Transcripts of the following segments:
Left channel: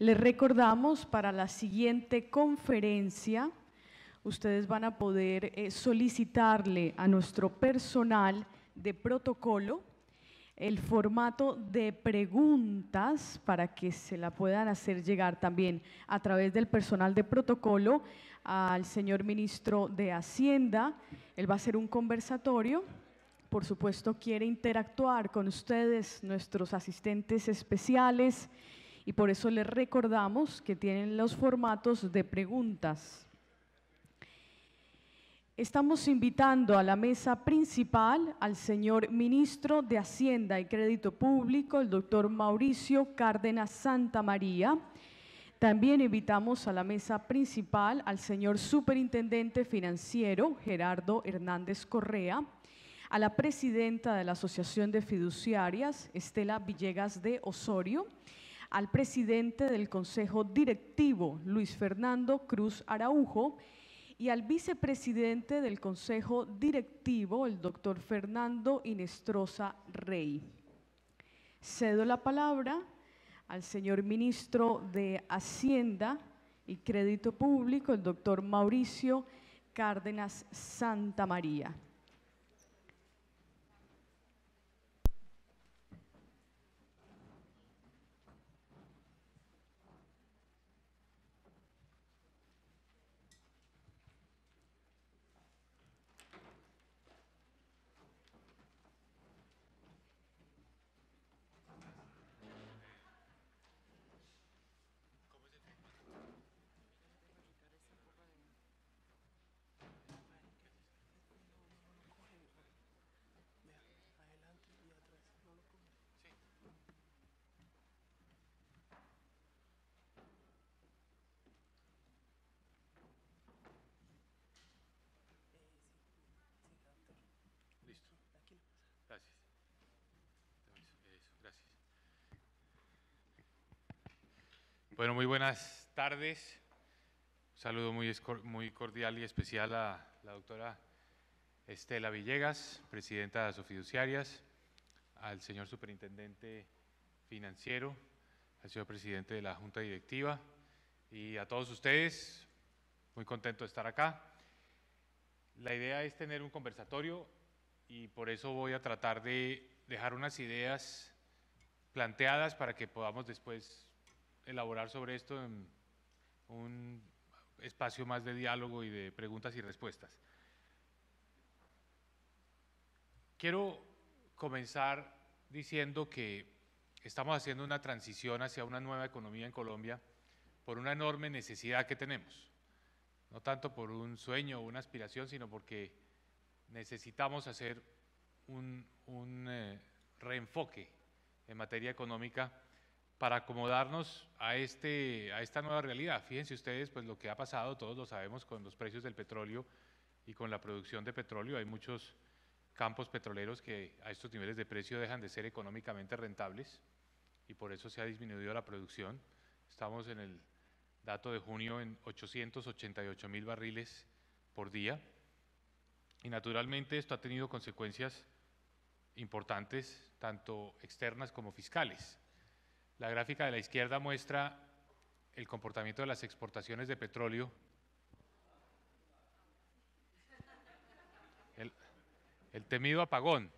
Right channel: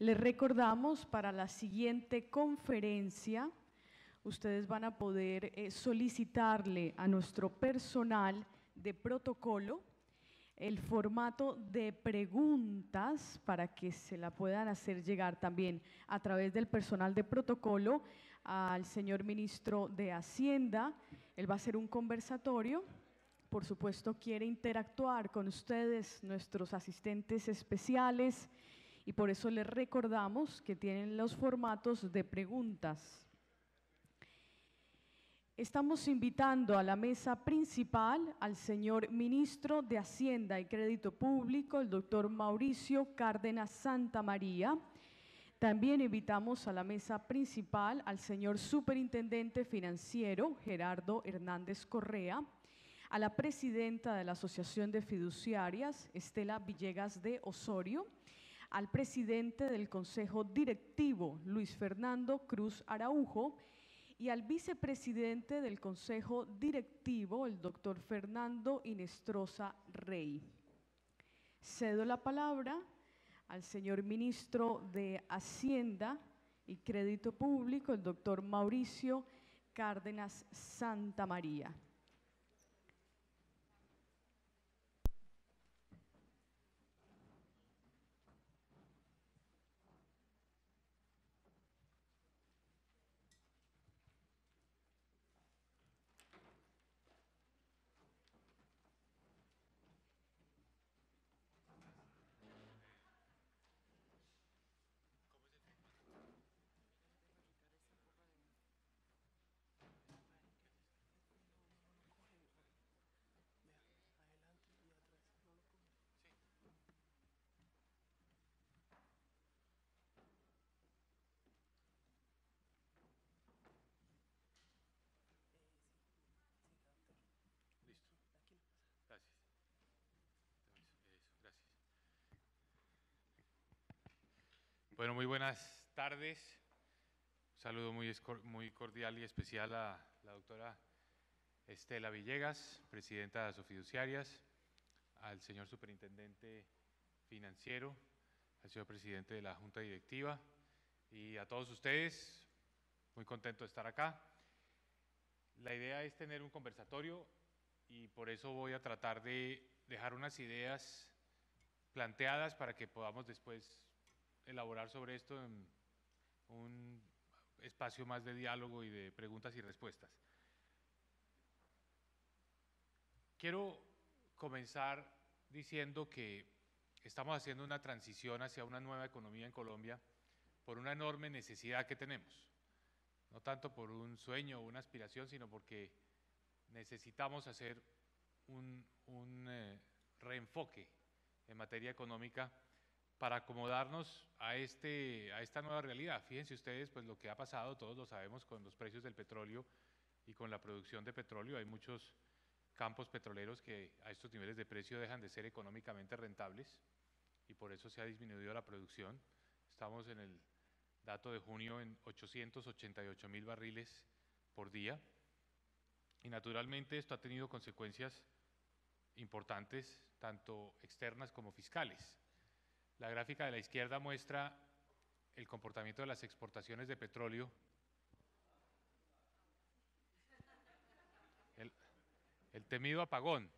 Les recordamos, para la siguiente conferencia, ustedes van a poder solicitarle a nuestro personal de protocolo el formato de preguntas para que se la puedan hacer llegar también a través del personal de protocolo al señor ministro de Hacienda. Él va a hacer un conversatorio. Por supuesto, quiere interactuar con ustedes, nuestros asistentes especiales, y por eso les recordamos que tienen los formatos de preguntas. Estamos invitando a la mesa principal al señor ministro de Hacienda y Crédito Público, el doctor Mauricio Cárdenas Santamaría. También invitamos a la mesa principal al señor superintendente financiero, Gerardo Hernández Correa, a la presidenta de la Asociación de Fiduciarias, Estela Villegas de Osorio, al presidente del Consejo Directivo, Luis Fernando Cruz Araujo, y al vicepresidente del Consejo Directivo, el doctor Fernando Inestrosa Rey. Cedo la palabra al señor ministro de Hacienda y Crédito Público, el doctor Mauricio Cárdenas Santamaría. Listo. Gracias. Eso, gracias. Bueno, muy buenas tardes. Un saludo muy cordial y especial a la doctora Estela Villegas, presidenta de Asofiduciarias, al señor superintendente financiero, al señor presidente de la Junta Directiva y a todos ustedes. Muy contento de estar acá. La idea es tener un conversatorio y por eso voy a tratar de dejar unas ideas planteadas para que podamos después elaborar sobre esto en un espacio más de diálogo y de preguntas y respuestas. Quiero comenzar diciendo que estamos haciendo una transición hacia una nueva economía en Colombia por una enorme necesidad que tenemos, no tanto por un sueño o una aspiración, sino porque necesitamos hacer un reenfoque en materia económica para acomodarnos a esta nueva realidad. Fíjense ustedes, pues lo que ha pasado, todos lo sabemos, con los precios del petróleo y con la producción de petróleo. Hay muchos campos petroleros que a estos niveles de precio dejan de ser económicamente rentables y por eso se ha disminuido la producción. Estamos en el dato de junio en 888.000 barriles por día. Y naturalmente esto ha tenido consecuencias importantes, tanto externas como fiscales. La gráfica de la izquierda muestra el comportamiento de las exportaciones de petróleo. El temido apagón.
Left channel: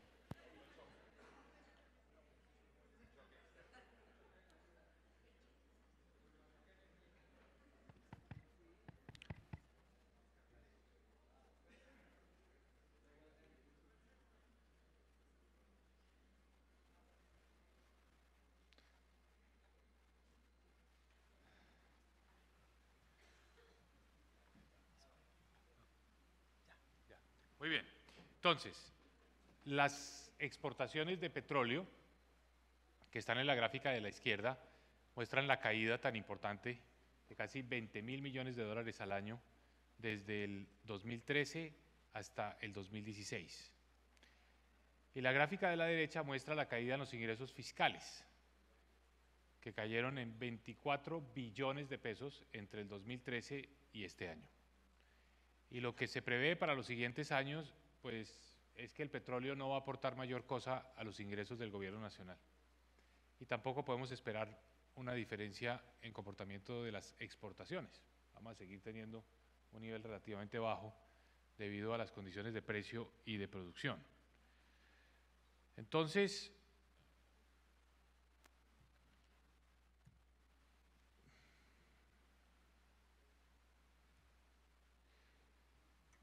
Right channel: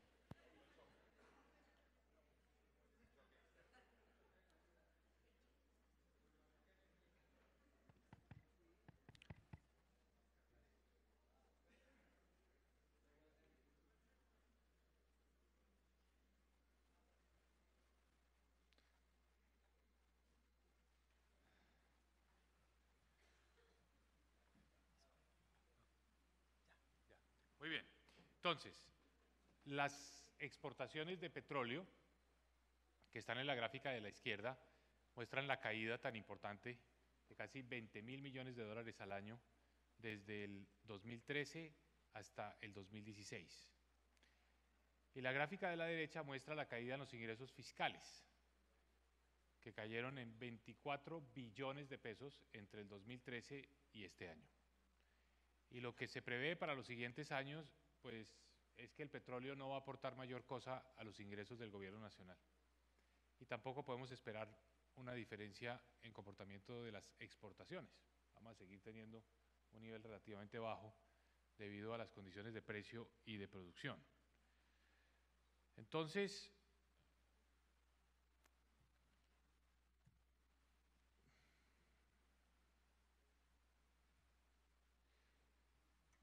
Muy bien, entonces, las exportaciones de petróleo, que están en la gráfica de la izquierda, muestran la caída tan importante de casi 20.000 millones de dólares al año desde el 2013 hasta el 2016. Y la gráfica de la derecha muestra la caída en los ingresos fiscales, que cayeron en 24 billones de pesos entre el 2013 y este año. Y lo que se prevé para los siguientes años, pues, es que el petróleo no va a aportar mayor cosa a los ingresos del gobierno nacional. Y tampoco podemos esperar una diferencia en comportamiento de las exportaciones. Vamos a seguir teniendo un nivel relativamente bajo debido a las condiciones de precio y de producción. Entonces,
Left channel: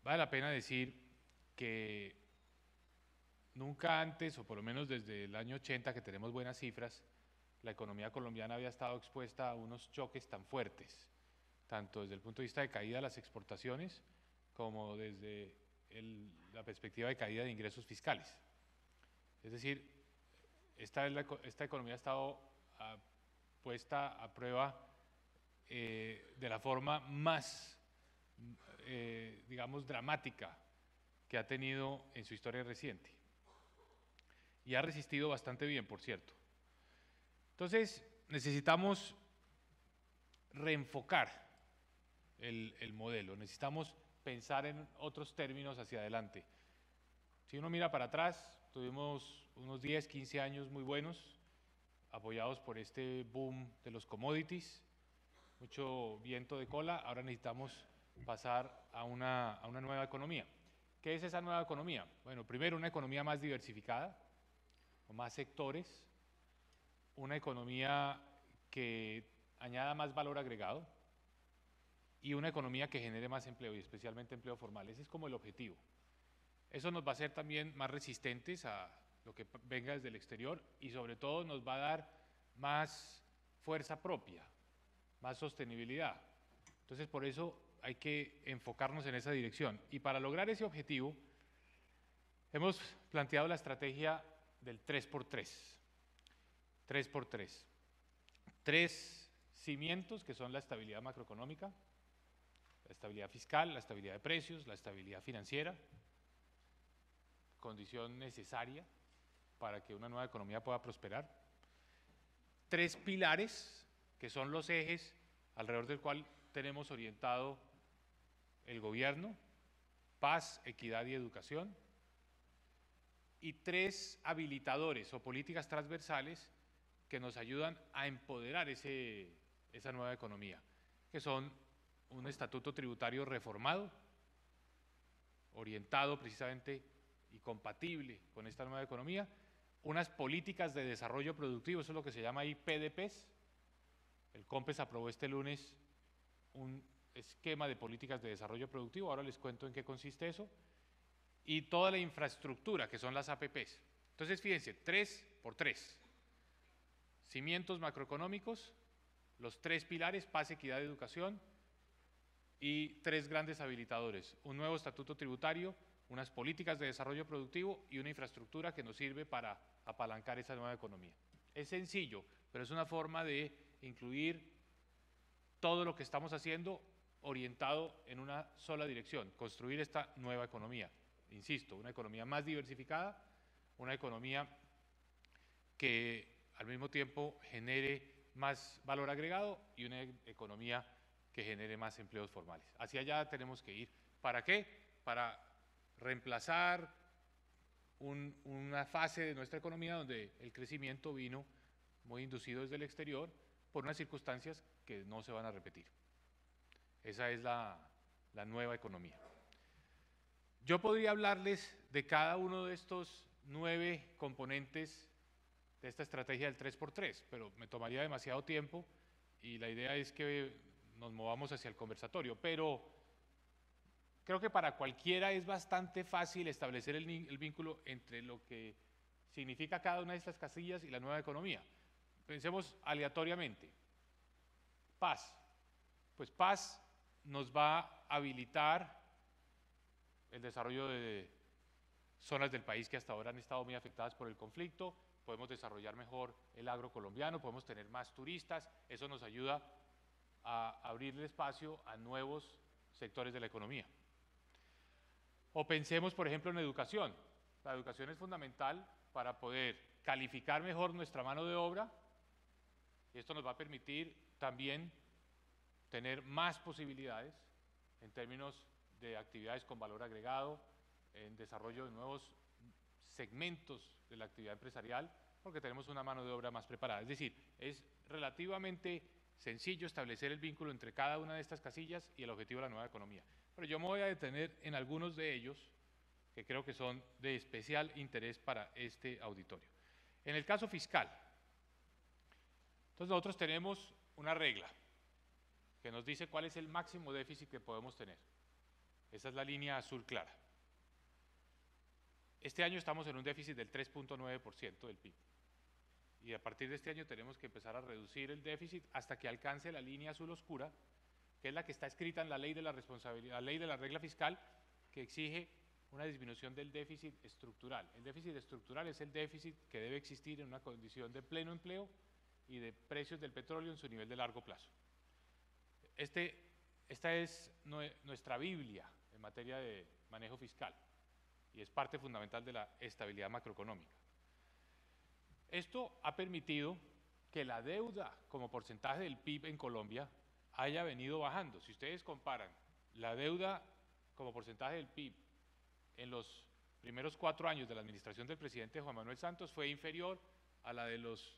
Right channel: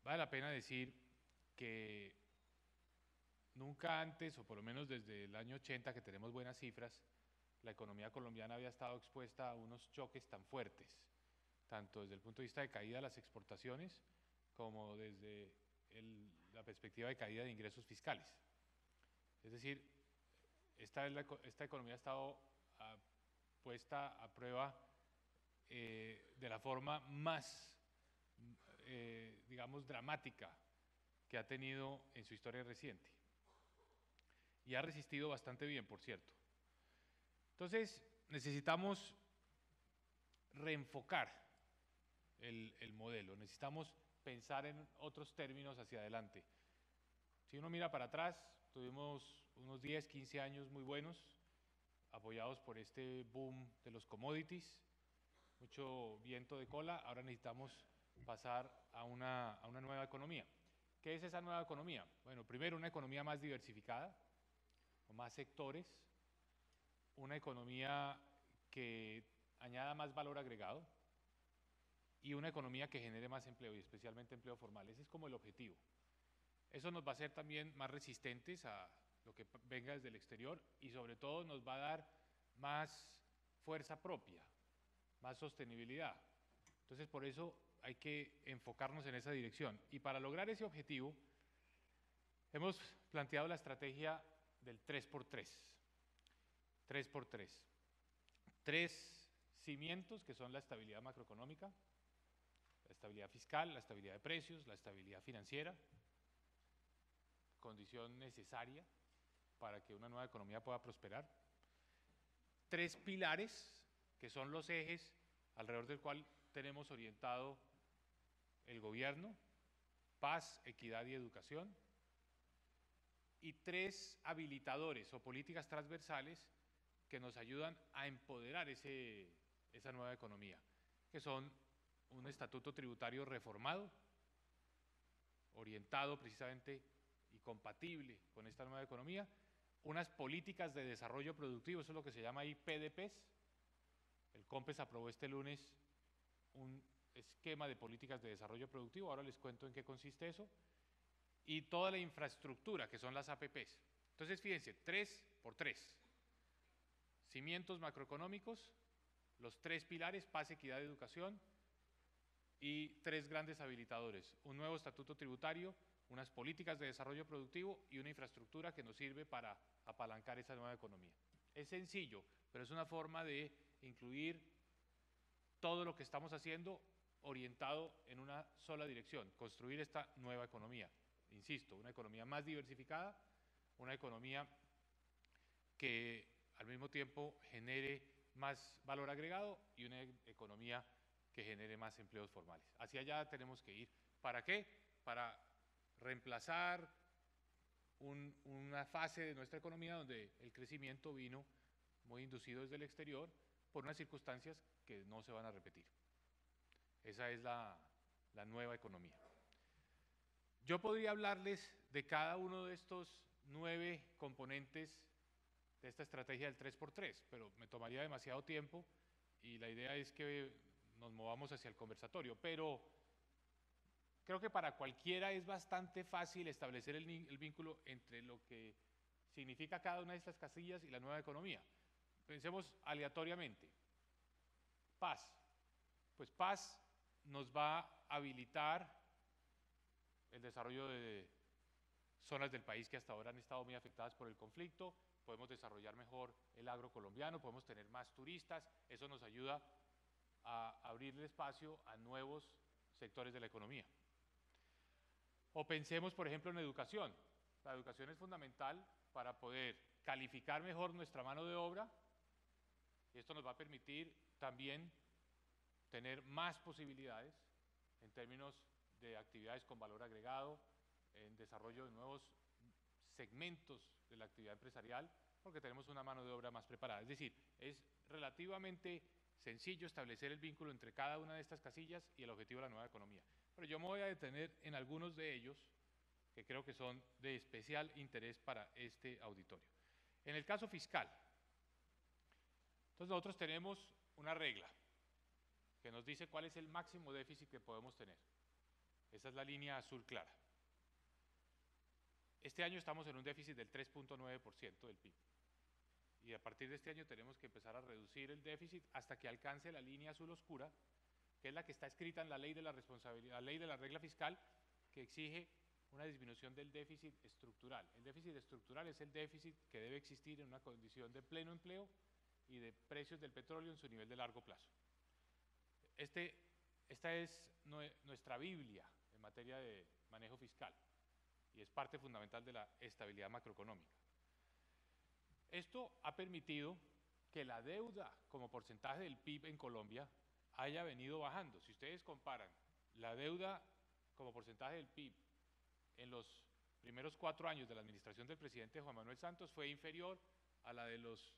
vale la pena decir que nunca antes, o por lo menos desde el año 80 que tenemos buenas cifras, la economía colombiana había estado expuesta a unos choques tan fuertes, tanto desde el punto de vista de caída de las exportaciones como desde la perspectiva de caída de ingresos fiscales. Es decir, esta economía ha estado puesta a prueba de la forma más, digamos, dramática que ha tenido en su historia reciente. Y ha resistido bastante bien, por cierto. Entonces, necesitamos reenfocar el modelo, necesitamos pensar en otros términos hacia adelante. Si uno mira para atrás, tuvimos unos 10, 15 años muy buenos, apoyados por este boom de los commodities, mucho viento de cola. Ahora necesitamos pasar a una nueva economía. ¿Qué es esa nueva economía? Bueno, primero una economía más diversificada, con más sectores, una economía que añada más valor agregado y una economía que genere más empleo y especialmente empleo formal. Ese es como el objetivo. Eso nos va a hacer también más resistentes a lo que venga desde el exterior y sobre todo nos va a dar más fuerza propia, más sostenibilidad. Entonces por eso hay que enfocarnos en esa dirección. Y para lograr ese objetivo hemos planteado la estrategia del 3x3. 3x3. 3 cimientos que son la estabilidad macroeconómica, la estabilidad fiscal, la estabilidad de precios, la estabilidad financiera, condición necesaria para que una nueva economía pueda prosperar. 3 pilares que son los ejes alrededor del cual tenemos orientado el gobierno: paz, equidad y educación. Y 3 habilitadores o políticas transversales que nos ayudan a empoderar esa nueva economía, que son un estatuto tributario reformado, orientado precisamente y compatible con esta nueva economía, unas políticas de desarrollo productivo, eso es lo que se llama ahí PDPs. El COMPES aprobó este lunes un esquema de políticas de desarrollo productivo, ahora les cuento en qué consiste eso, y toda la infraestructura, que son las APPs. Entonces, fíjense, 3x3. Cimientos macroeconómicos, los 3 pilares: paz, equidad, educación, y 3 grandes habilitadores: un nuevo estatuto tributario, unas políticas de desarrollo productivo y una infraestructura que nos sirve para apalancar esa nueva economía. Es sencillo, pero es una forma de incluir todo lo que estamos haciendo orientado en una sola dirección: construir esta nueva economía. Insisto, una economía más diversificada, una economía que al mismo tiempo genere más valor agregado y una economía que genere más empleos formales. Hacia allá tenemos que ir. ¿Para qué? Para reemplazar una fase de nuestra economía donde el crecimiento vino muy inducido desde el exterior por unas circunstancias que no se van a repetir. Esa es la nueva economía. Yo podría hablarles de cada uno de estos 9 componentes de esta estrategia del 3x3, pero me tomaría demasiado tiempo y la idea es que nos movamos hacia el conversatorio. Pero creo que para cualquiera es bastante fácil establecer el vínculo entre lo que significa cada una de estas casillas y la nueva economía. Pensemos aleatoriamente. Paz. Pues paz nos va a habilitar el desarrollo de zonas del país que hasta ahora han estado muy afectadas por el conflicto. Podemos desarrollar mejor el agro colombiano, podemos tener más turistas. Eso nos ayuda a abrirle espacio a nuevos sectores de la economía. O pensemos, por ejemplo, en educación. La educación es fundamental para poder calificar mejor nuestra mano de obra, y esto nos va a permitir también tener más posibilidades en términos de actividades con valor agregado, en desarrollo de nuevos segmentos de la actividad empresarial, porque tenemos una mano de obra más preparada. Es decir, es relativamente sencillo establecer el vínculo entre cada una de estas casillas y el objetivo de la nueva economía. Pero yo me voy a detener en algunos de ellos que creo que son de especial interés para este auditorio. En el caso fiscal, entonces nosotros tenemos una regla que nos dice cuál es el máximo déficit que podemos tener. Esa es la línea azul clara. Este año estamos en un déficit del 3.9% del PIB. Y a partir de este año tenemos que empezar a reducir el déficit hasta que alcance la línea azul oscura, que es la que está escrita en la ley de la responsabilidad, la ley de la regla fiscal, que exige una disminución del déficit estructural. El déficit estructural es el déficit que debe existir en una condición de pleno empleo y de precios del petróleo en su nivel de largo plazo. Esta es nuestra Biblia en materia de manejo fiscal y es parte fundamental de la estabilidad macroeconómica. Esto ha permitido que la deuda como porcentaje del PIB en Colombia haya venido bajando. Si ustedes comparan la deuda como porcentaje del PIB en los primeros 4 años de la administración del presidente Juan Manuel Santos, fue inferior a la de los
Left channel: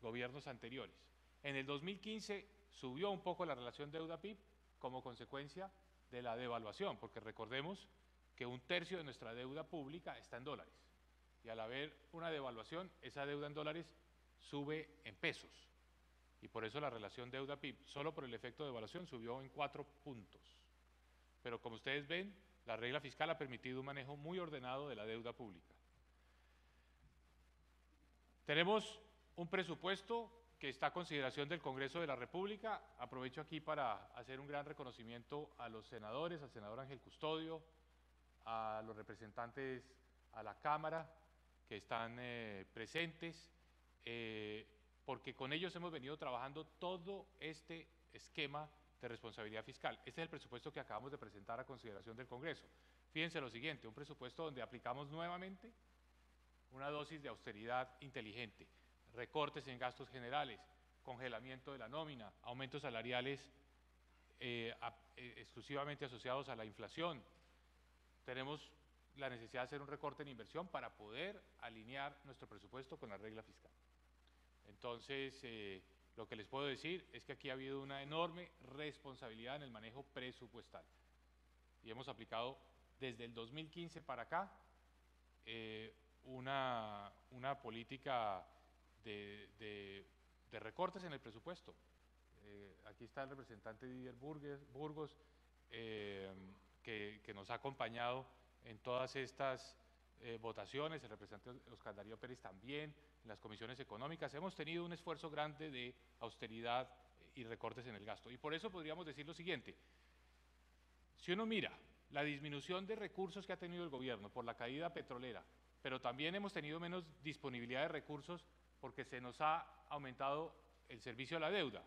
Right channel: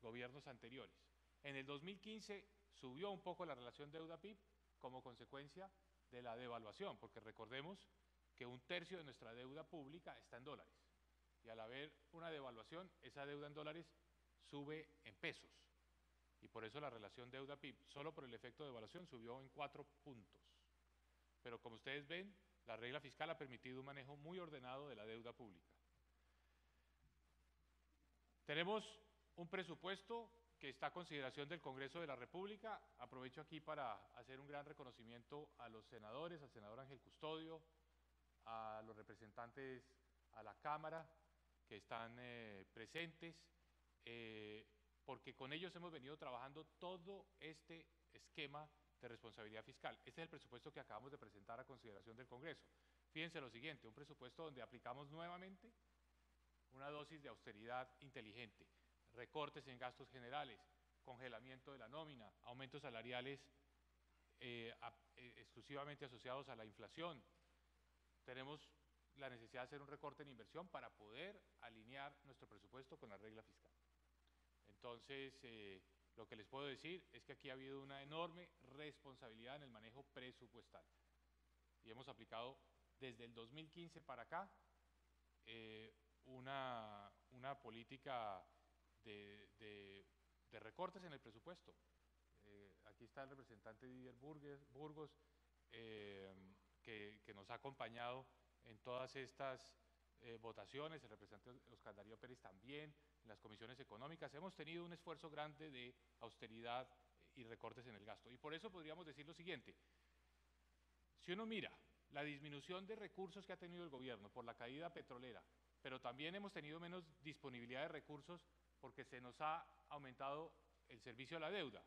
gobiernos anteriores. En el 2015 subió un poco la relación deuda-PIB como consecuencia de la devaluación, porque recordemos que 1/3 de nuestra deuda pública está en dólares. Y al haber una devaluación, esa deuda en dólares sube en pesos. Y por eso la relación deuda-PIB, solo por el efecto de devaluación, subió en 4 puntos. Pero como ustedes ven, la regla fiscal ha permitido un manejo muy ordenado de la deuda pública. Tenemos un presupuesto que está a consideración del Congreso de la República. Aprovecho aquí para hacer un gran reconocimiento a los senadores, al senador Ángel Custodio, a los representantes a la Cámara que están presentes, porque con ellos hemos venido trabajando todo este esquema de responsabilidad fiscal. Este es el presupuesto que acabamos de presentar a consideración del Congreso. Fíjense lo siguiente, un presupuesto donde aplicamos nuevamente una dosis de austeridad inteligente, recortes en gastos generales, congelamiento de la nómina, aumentos salariales exclusivamente asociados a la inflación. Tenemos la necesidad de hacer un recorte en inversión para poder alinear nuestro presupuesto con la regla fiscal. Entonces, lo que les puedo decir es que aquí ha habido una enorme responsabilidad en el manejo presupuestal. Y hemos aplicado desde el 2015 para acá una política de recortes en el presupuesto. Aquí está el representante Didier Burgos, que nos ha acompañado en todas estas votaciones, el representante Oscar Darío Pérez también, en las comisiones económicas. Hemos tenido un esfuerzo grande de austeridad y recortes en el gasto. Y por eso podríamos decir lo siguiente: si uno mira la disminución de recursos que ha tenido el gobierno por la caída petrolera, pero también hemos tenido menos disponibilidad de recursos porque se nos ha aumentado el servicio a la deuda,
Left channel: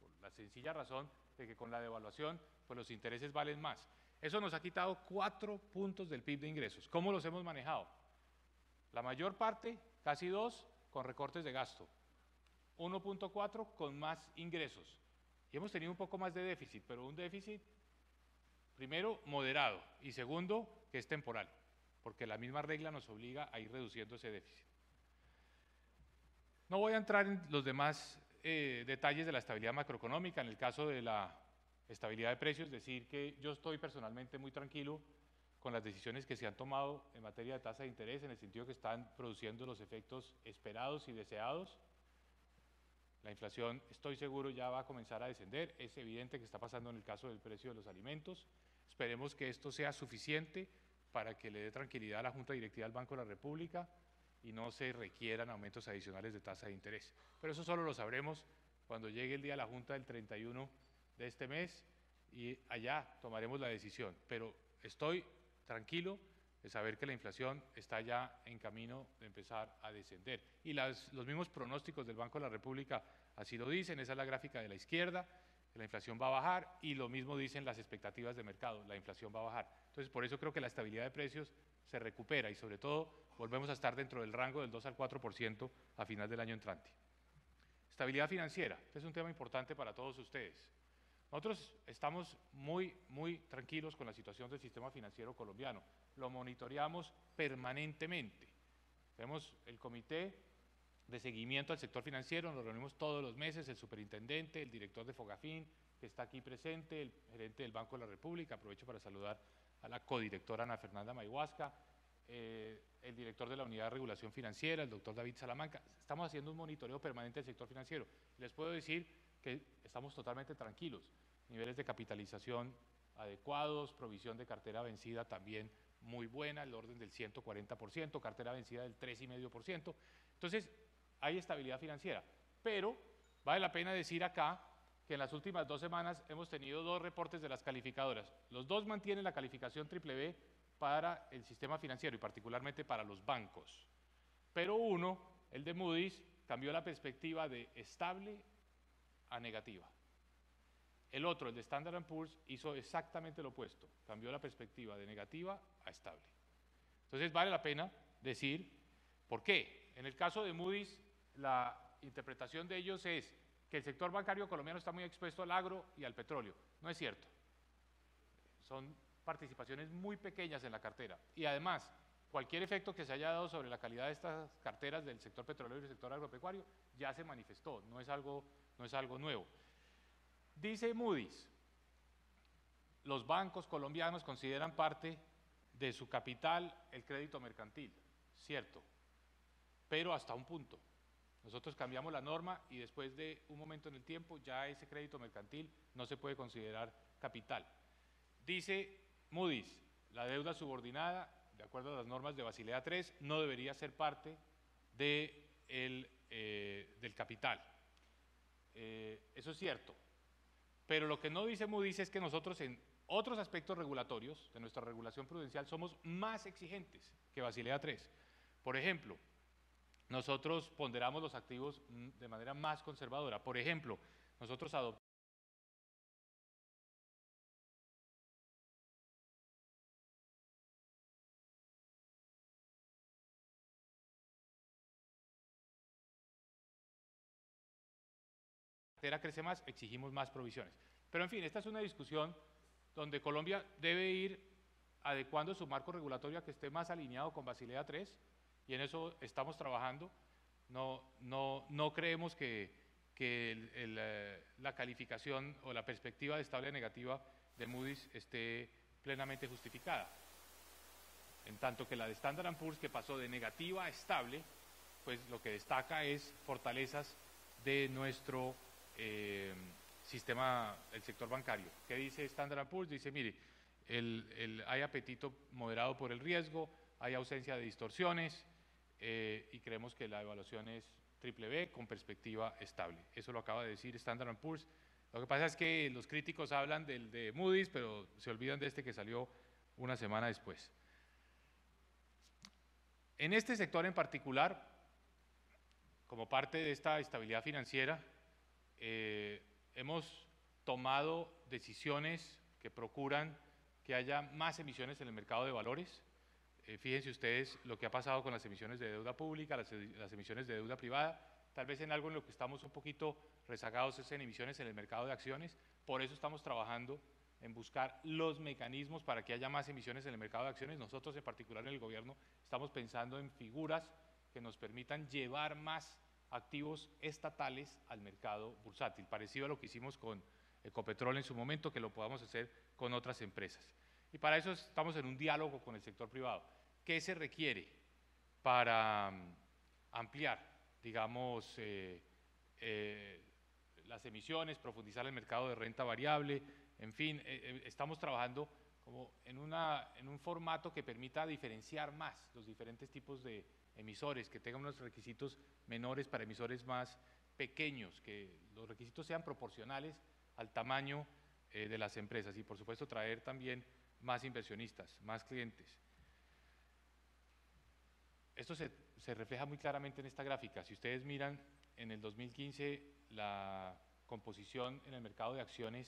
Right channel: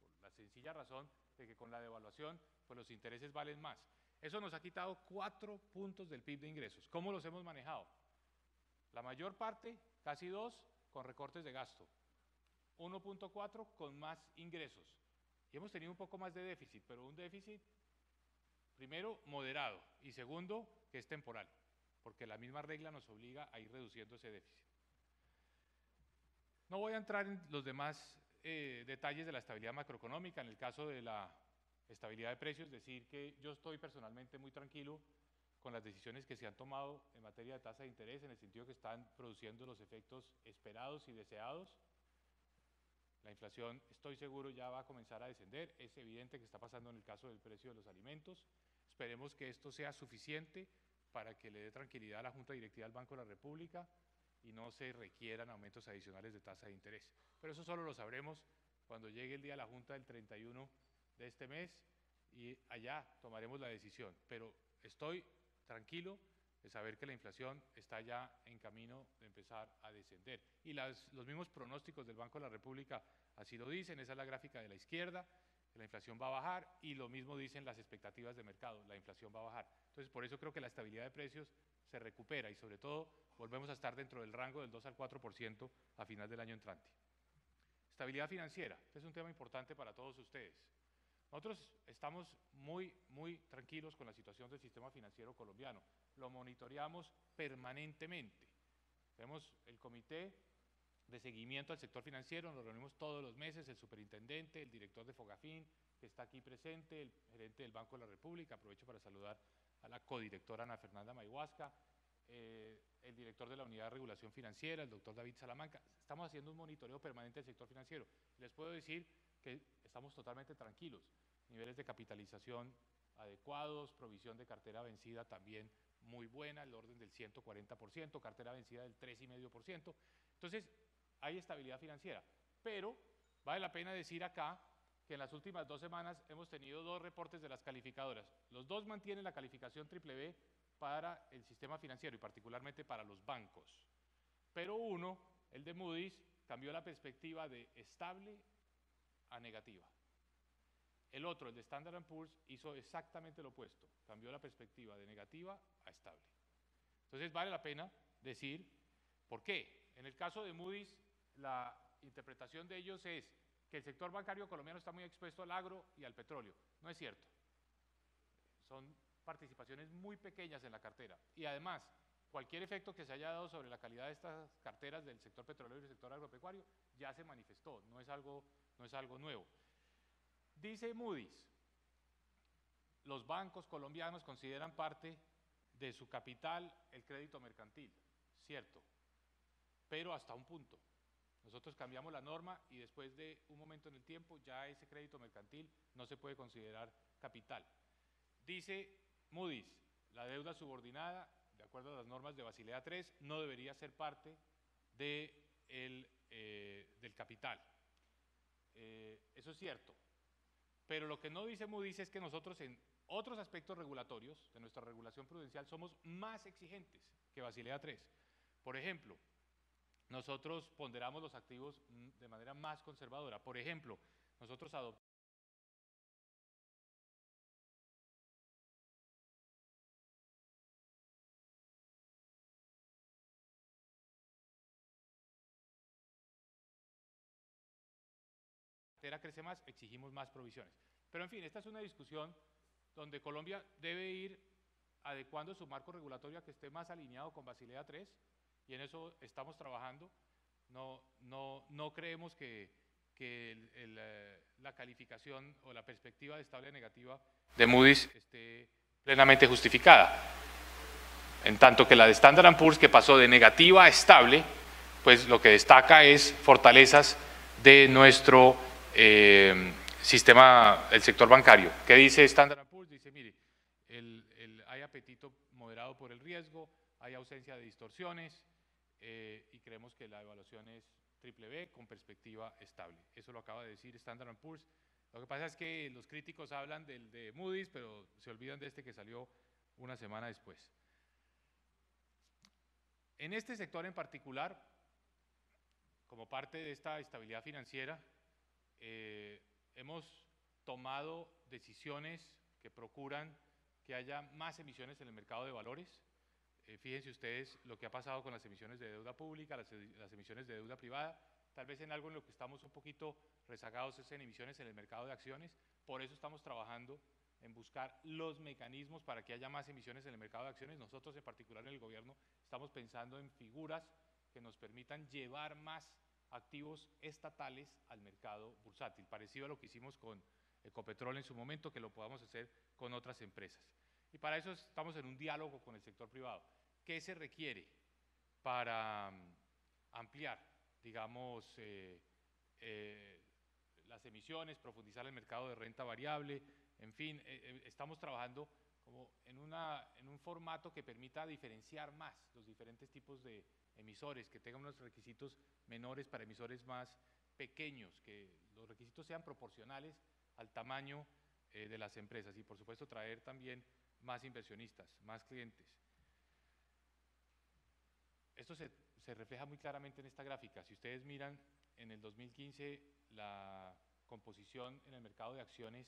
por la sencilla razón de que con la devaluación pues los intereses valen más. Eso nos ha quitado 4 puntos del PIB de ingresos. ¿Cómo los hemos manejado? La mayor parte, casi 2, con recortes de gasto, 1.4 con más ingresos. Y hemos tenido un poco más de déficit, pero un déficit, primero, moderado, y segundo, que es temporal, porque la misma regla nos obliga a ir reduciendo ese déficit. No voy a entrar en los demás detalles de la estabilidad macroeconómica. En el caso de la estabilidad de precios, decir que yo estoy personalmente muy tranquilo con las decisiones que se han tomado en materia de tasa de interés, en el sentido que están produciendo los efectos esperados y deseados. La inflación, estoy seguro, ya va a comenzar a descender. Es evidente que está pasando en el caso del precio de los alimentos. Esperemos que esto sea suficiente para que le dé tranquilidad a la Junta Directiva del Banco de la República y no se requieran aumentos adicionales de tasa de interés. Pero eso solo lo sabremos cuando llegue el día de la Junta del 31 de este mes y allá tomaremos la decisión. Pero estoy tranquilo de saber que la inflación está ya en camino de empezar a descender. Y los mismos pronósticos del Banco de la República así lo dicen. Esa es la gráfica de la izquierda, que la inflación va a bajar, y lo mismo dicen las expectativas de mercado, la inflación va a bajar. Entonces, por eso creo que la estabilidad de precios se recupera y sobre todo volvemos a estar dentro del rango del 2 al 4% a final del año entrante. Estabilidad financiera, este es un tema importante para todos ustedes. Nosotros estamos muy tranquilos con la situación del sistema financiero colombiano, lo monitoreamos permanentemente. Tenemos el comité de seguimiento al sector financiero, nos reunimos todos los meses, el superintendente, el director de Fogafín, que está aquí presente, el gerente del Banco de la República, aprovecho para saludar a la codirectora Ana Fernanda Mayhuasca, el director de la Unidad de Regulación Financiera, el doctor David Salamanca. Estamos haciendo un monitoreo permanente del sector financiero. Les puedo decir que estamos totalmente tranquilos, niveles de capitalización adecuados, provisión de cartera vencida también muy buena, el orden del 140%, cartera vencida del 3,5%. Entonces, hay estabilidad financiera, pero vale la pena decir acá que en las últimas 2 semanas hemos tenido 2 reportes de las calificadoras. Los 2 mantienen la calificación BBB para el sistema financiero y particularmente para los bancos. Pero uno, el de Moody's, cambió la perspectiva de estable a negativa. El otro, el de Standard & Poor's, hizo exactamente lo opuesto, cambió la perspectiva de negativa a estable. Entonces vale la pena decir por qué. En el caso de Moody's, la interpretación de ellos es que el sector bancario colombiano está muy expuesto al agro y al petróleo. No es cierto. Son participaciones muy pequeñas en la cartera. Y además, cualquier efecto que se haya dado sobre la calidad de estas carteras del sector petrolero y del sector agropecuario ya se manifestó, no es algo nuevo. Dice Moody's, los bancos colombianos consideran parte de su capital el crédito mercantil, cierto, pero hasta un punto. Nosotros cambiamos la norma y después de un momento en el tiempo ya ese crédito mercantil no se puede considerar capital. Dice Moody's, la deuda subordinada, de acuerdo a las normas de Basilea III, no debería ser parte del capital. Eso es cierto. Pero lo que no dice Moody's es que nosotros en otros aspectos regulatorios de nuestra regulación prudencial somos más exigentes que Basilea III. Por ejemplo, nosotros ponderamos los activos de manera más conservadora. Por ejemplo, nosotros adoptamos crece más, exigimos más provisiones. Pero en fin, esta es una discusión donde Colombia debe ir adecuando su marco regulatorio a que esté más alineado con Basilea III y en eso estamos trabajando. No creemos que la calificación o la perspectiva de estable negativa de Moody's esté plenamente justificada. En tanto que la de Standard & Poor's, que pasó de negativa a estable, pues lo que destaca es fortalezas de nuestro sistema, el sector bancario. ¿Qué dice Standard & Poor's? Dice, mire, hay apetito moderado por el riesgo, hay ausencia de distorsiones y creemos que la evaluación es BBB con perspectiva estable. Eso lo acaba de decir Standard & Poor's. Lo que pasa es que los críticos hablan del de Moody's, pero se olvidan de este que salió una semana después. En este sector en particular, como parte de esta estabilidad financiera, hemos tomado decisiones que procuran que haya más emisiones en el mercado de valores. Fíjense ustedes lo que ha pasado con las emisiones de deuda pública, las emisiones de deuda privada. Tal vez en algo en lo que estamos un poquito rezagados es en emisiones en el mercado de acciones. Por eso estamos trabajando en buscar los mecanismos para que haya más emisiones en el mercado de acciones. Nosotros en particular en el gobierno estamos pensando en figuras que nos permitan llevar más activos estatales al mercado bursátil, parecido a lo que hicimos con Ecopetrol en su momento, que lo podamos hacer con otras empresas. Y para eso estamos en un diálogo con el sector privado. ¿Qué se requiere para ampliar, digamos, las emisiones, profundizar el mercado de renta variable? En fin, estamos trabajando como en un formato que permita diferenciar más los diferentes tipos de emisores, que tengan unos requisitos menores para emisores más pequeños, que los requisitos sean proporcionales al tamaño de las empresas y por supuesto traer también más inversionistas, más clientes. Esto se refleja muy claramente en esta gráfica. Si ustedes miran, en el 2015 la composición en el mercado de acciones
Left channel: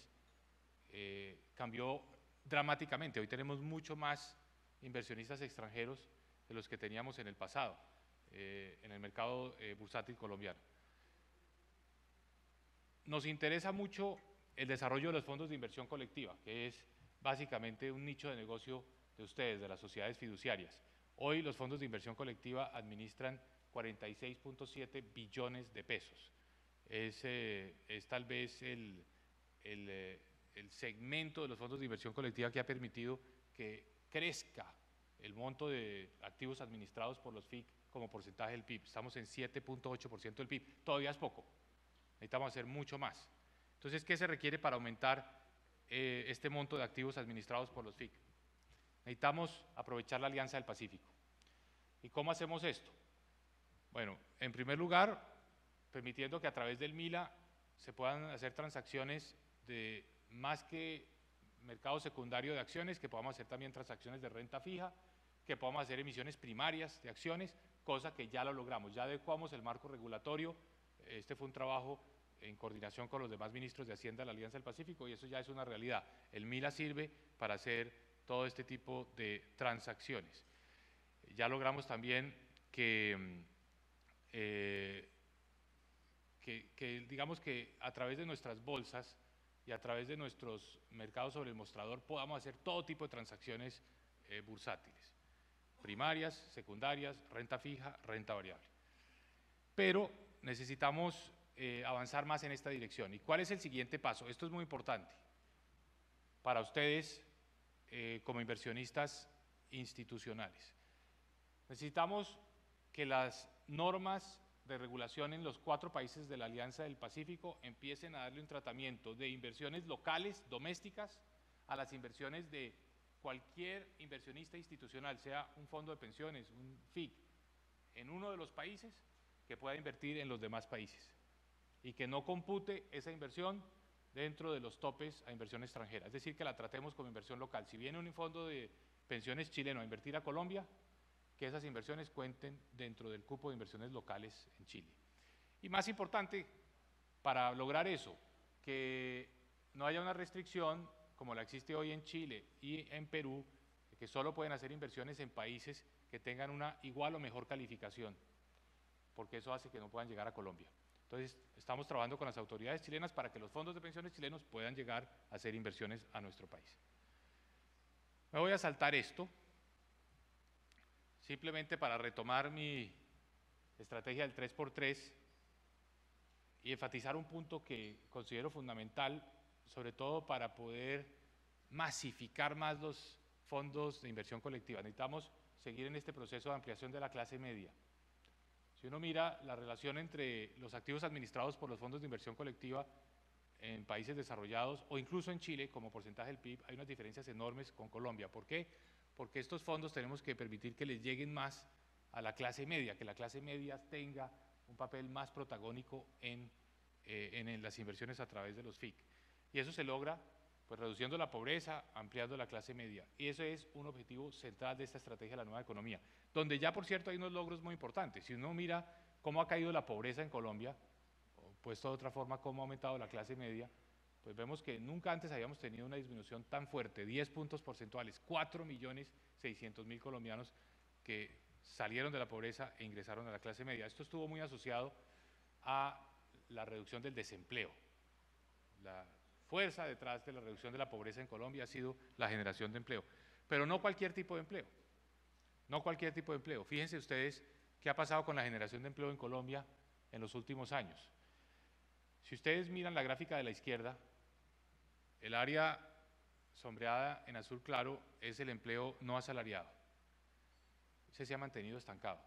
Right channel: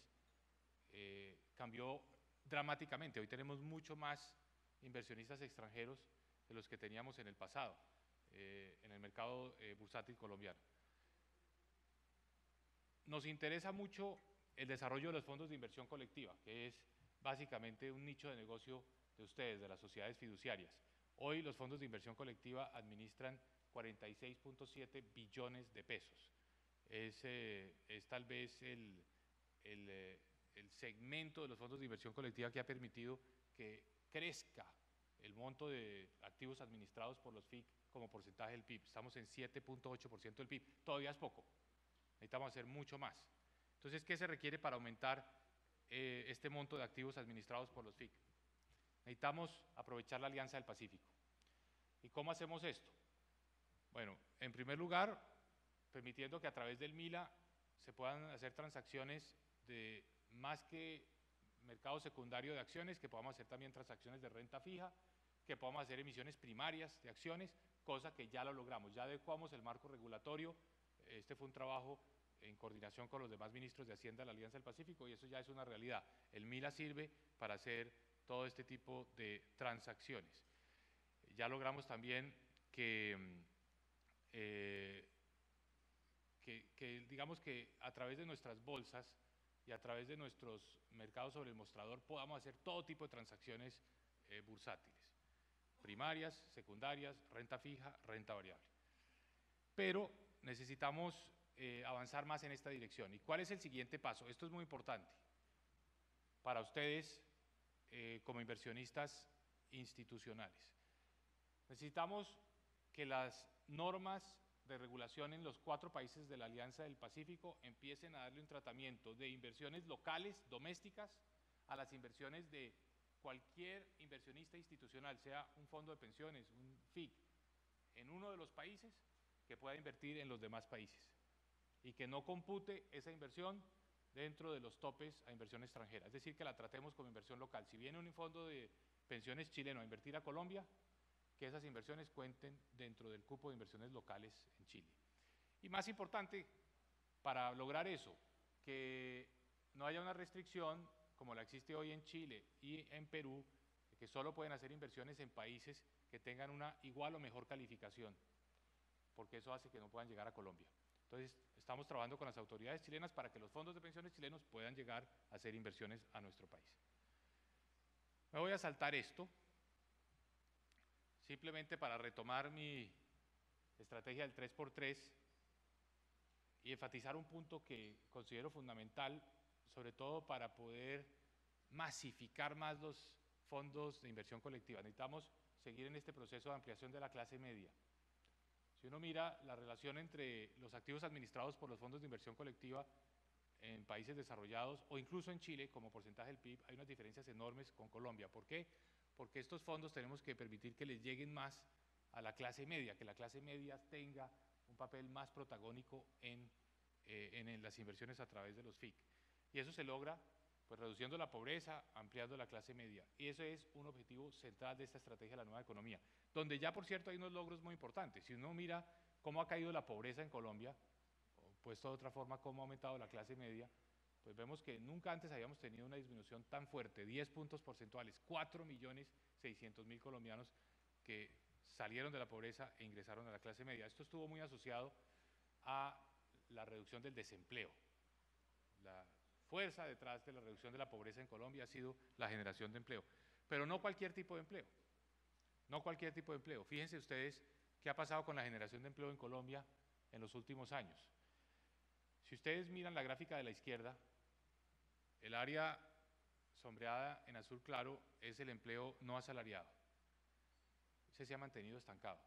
cambió dramáticamente. Hoy tenemos mucho más inversionistas extranjeros de los que teníamos en el pasado, en el mercado bursátil colombiano. Nos interesa mucho el desarrollo de los fondos de inversión colectiva, que es básicamente un nicho de negocio de ustedes, de las sociedades fiduciarias. Hoy los fondos de inversión colectiva administran 46.7 billones de pesos. Es tal vez el segmento de los fondos de inversión colectiva que ha permitido que crezca el monto de activos administrados por los FIC como porcentaje del PIB. Estamos en 7.8% del PIB, todavía es poco, necesitamos hacer mucho más. Entonces, ¿qué se requiere para aumentar este monto de activos administrados por los FIC? Necesitamos aprovechar la Alianza del Pacífico. ¿Y cómo hacemos esto? Bueno, en primer lugar, permitiendo que a través del MILA se puedan hacer transacciones de más que mercado secundario de acciones, que podamos hacer también transacciones de renta fija, que podamos hacer emisiones primarias de acciones, cosa que ya lo logramos, ya adecuamos el marco regulatorio. Este fue un trabajo en coordinación con los demás ministros de Hacienda de la Alianza del Pacífico y eso ya es una realidad. El MILA sirve para hacer todo este tipo de transacciones. Ya logramos también que digamos que a través de nuestras bolsas y a través de nuestros mercados sobre el mostrador podamos hacer todo tipo de transacciones bursátiles, primarias, secundarias, renta fija, renta variable. Pero necesitamos avanzar más en esta dirección. ¿Y cuál es el siguiente paso? Esto es muy importante para ustedes como inversionistas institucionales. Necesitamos que las normas de regulación en los 4 países de la Alianza del Pacífico empiecen a darle un tratamiento de inversiones locales, domésticas, a las inversiones de cualquier inversionista institucional, sea un fondo de pensiones, un FIC, en uno de los países, que pueda invertir en los demás países y que no compute esa inversión dentro de los topes a inversión extranjera, es decir, que la tratemos como inversión local. Si viene un fondo de pensiones chileno a invertir a Colombia, que esas inversiones cuenten dentro del cupo de inversiones locales en Chile. Y más importante, para lograr eso, que no haya una restricción como la existe hoy en Chile y en Perú, que solo pueden hacer inversiones en países que tengan una igual o mejor calificación, porque eso hace que no puedan llegar a Colombia. Entonces, estamos trabajando con las autoridades chilenas para que los fondos de pensiones chilenos puedan llegar a hacer inversiones a nuestro país. Me voy a saltar esto, simplemente para retomar mi estrategia del 3x3 y enfatizar un punto que considero fundamental, sobre todo para poder masificar más los fondos de inversión colectiva. Necesitamos seguir en este proceso de ampliación de la clase media. Si uno mira la relación entre los activos administrados por los fondos de inversión colectiva en países desarrollados o incluso en Chile como porcentaje del PIB, hay unas diferencias enormes con Colombia. ¿Por qué? Porque estos fondos tenemos que permitir que les lleguen más a la clase media, que la clase media tenga un papel más protagónico en las inversiones a través de los FIC. Y eso se logra pues reduciendo la pobreza, ampliando la clase media. Y eso es un objetivo central de esta estrategia de la nueva economía, donde ya por cierto hay unos logros muy importantes. Si uno mira cómo ha caído la pobreza en Colombia, o puesto de otra forma cómo ha aumentado la clase media, pues vemos que nunca antes habíamos tenido una disminución tan fuerte, 10 puntos porcentuales, 4.600.000 colombianos que salieron de la pobreza e ingresaron a la clase media. Esto estuvo muy asociado a la reducción del desempleo. La fuerza detrás de la reducción de la pobreza en Colombia ha sido la generación de empleo, pero no cualquier tipo de empleo, no cualquier tipo de empleo. Fíjense ustedes qué ha pasado con la generación de empleo en Colombia en los últimos años. Si ustedes miran la gráfica de la izquierda, el área sombreada en azul claro es el empleo no asalariado. Ese se ha mantenido estancado.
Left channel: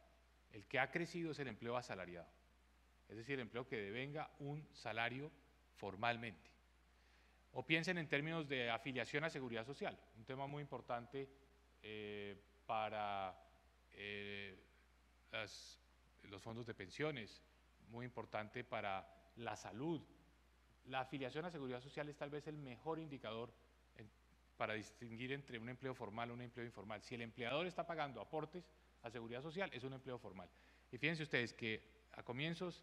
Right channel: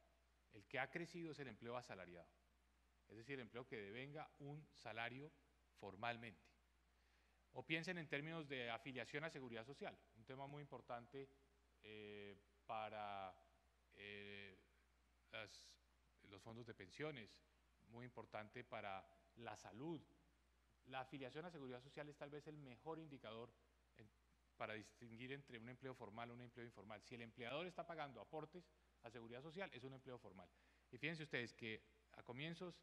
El que ha crecido es el empleo asalariado, es decir, el empleo que devenga un salario formalmente. O piensen en términos de afiliación a seguridad social, un tema muy importante para los fondos de pensiones, muy importante para la salud. La afiliación a seguridad social es tal vez el mejor indicador para distinguir entre un empleo formal y un empleo informal. Si el empleador está pagando aportes a seguridad social, es un empleo formal. Y fíjense ustedes que a comienzos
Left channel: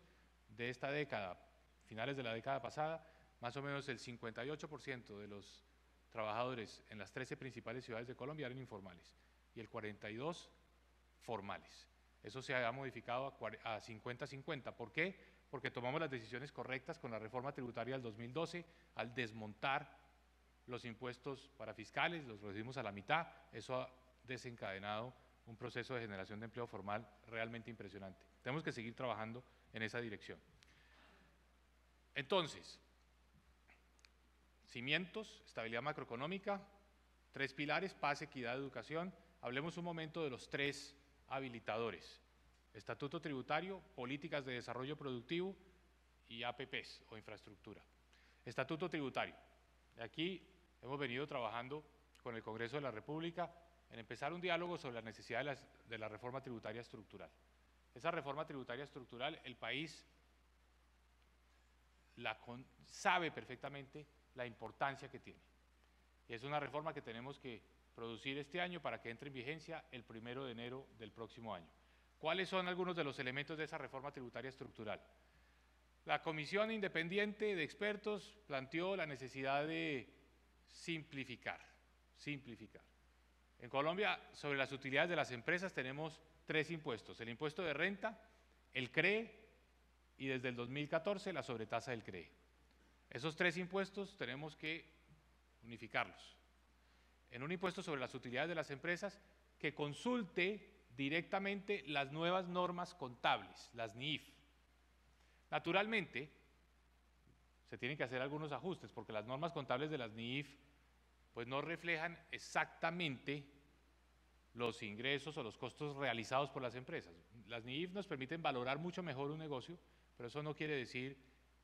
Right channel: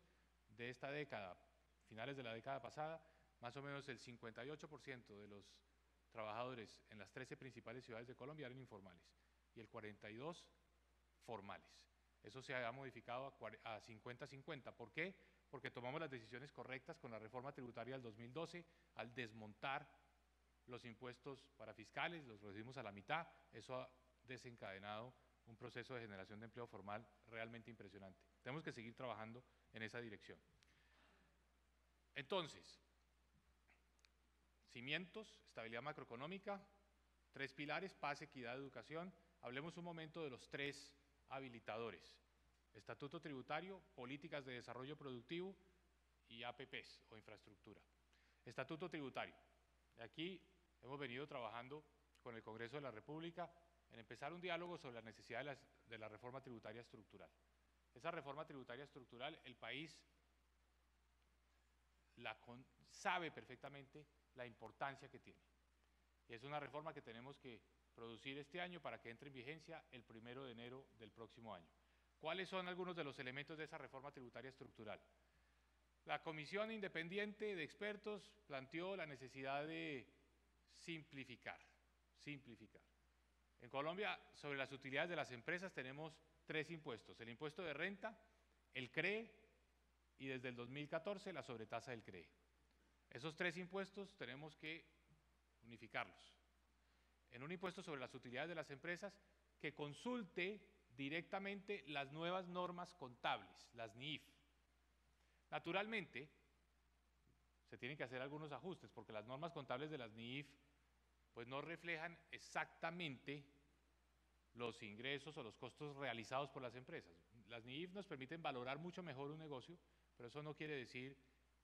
de esta década, finales de la década pasada, más o menos el 58% de los trabajadores en las 13 principales ciudades de Colombia eran informales y el 42% formales. Eso se ha modificado a 50-50. ¿Por qué? Porque tomamos las decisiones correctas con la reforma tributaria del 2012 al desmontar los impuestos para fiscales, los reducimos a la mitad. Eso ha desencadenado un proceso de generación de empleo formal realmente impresionante. Tenemos que seguir trabajando en esa dirección. Entonces, cimientos, estabilidad macroeconómica, 3 pilares, paz, equidad, educación. Hablemos un momento de los 3 habilitadores: estatuto tributario, políticas de desarrollo productivo y APPs o infraestructura. Estatuto tributario. Aquí hemos venido trabajando con el Congreso de la República en empezar un diálogo sobre la necesidad de la reforma tributaria estructural. Esa reforma tributaria estructural, el país sabe perfectamente la importancia que tiene. Y es una reforma que tenemos que producir este año para que entre en vigencia el 1 de enero del próximo año. ¿Cuáles son algunos de los elementos de esa reforma tributaria estructural? La Comisión Independiente de Expertos planteó la necesidad de simplificar. En Colombia, sobre las utilidades de las empresas tenemos 3 impuestos: el impuesto de renta, el CRE y desde el 2014 la sobretasa del CRE. Esos 3 impuestos tenemos que unificarlos en un impuesto sobre las utilidades de las empresas que consulte directamente las nuevas normas contables, las NIF. Naturalmente, se tienen que hacer algunos ajustes porque las normas contables de las NIF pues no reflejan exactamente los ingresos o los costos realizados por las empresas. Las NIF nos permiten valorar mucho mejor un negocio, pero eso no quiere decir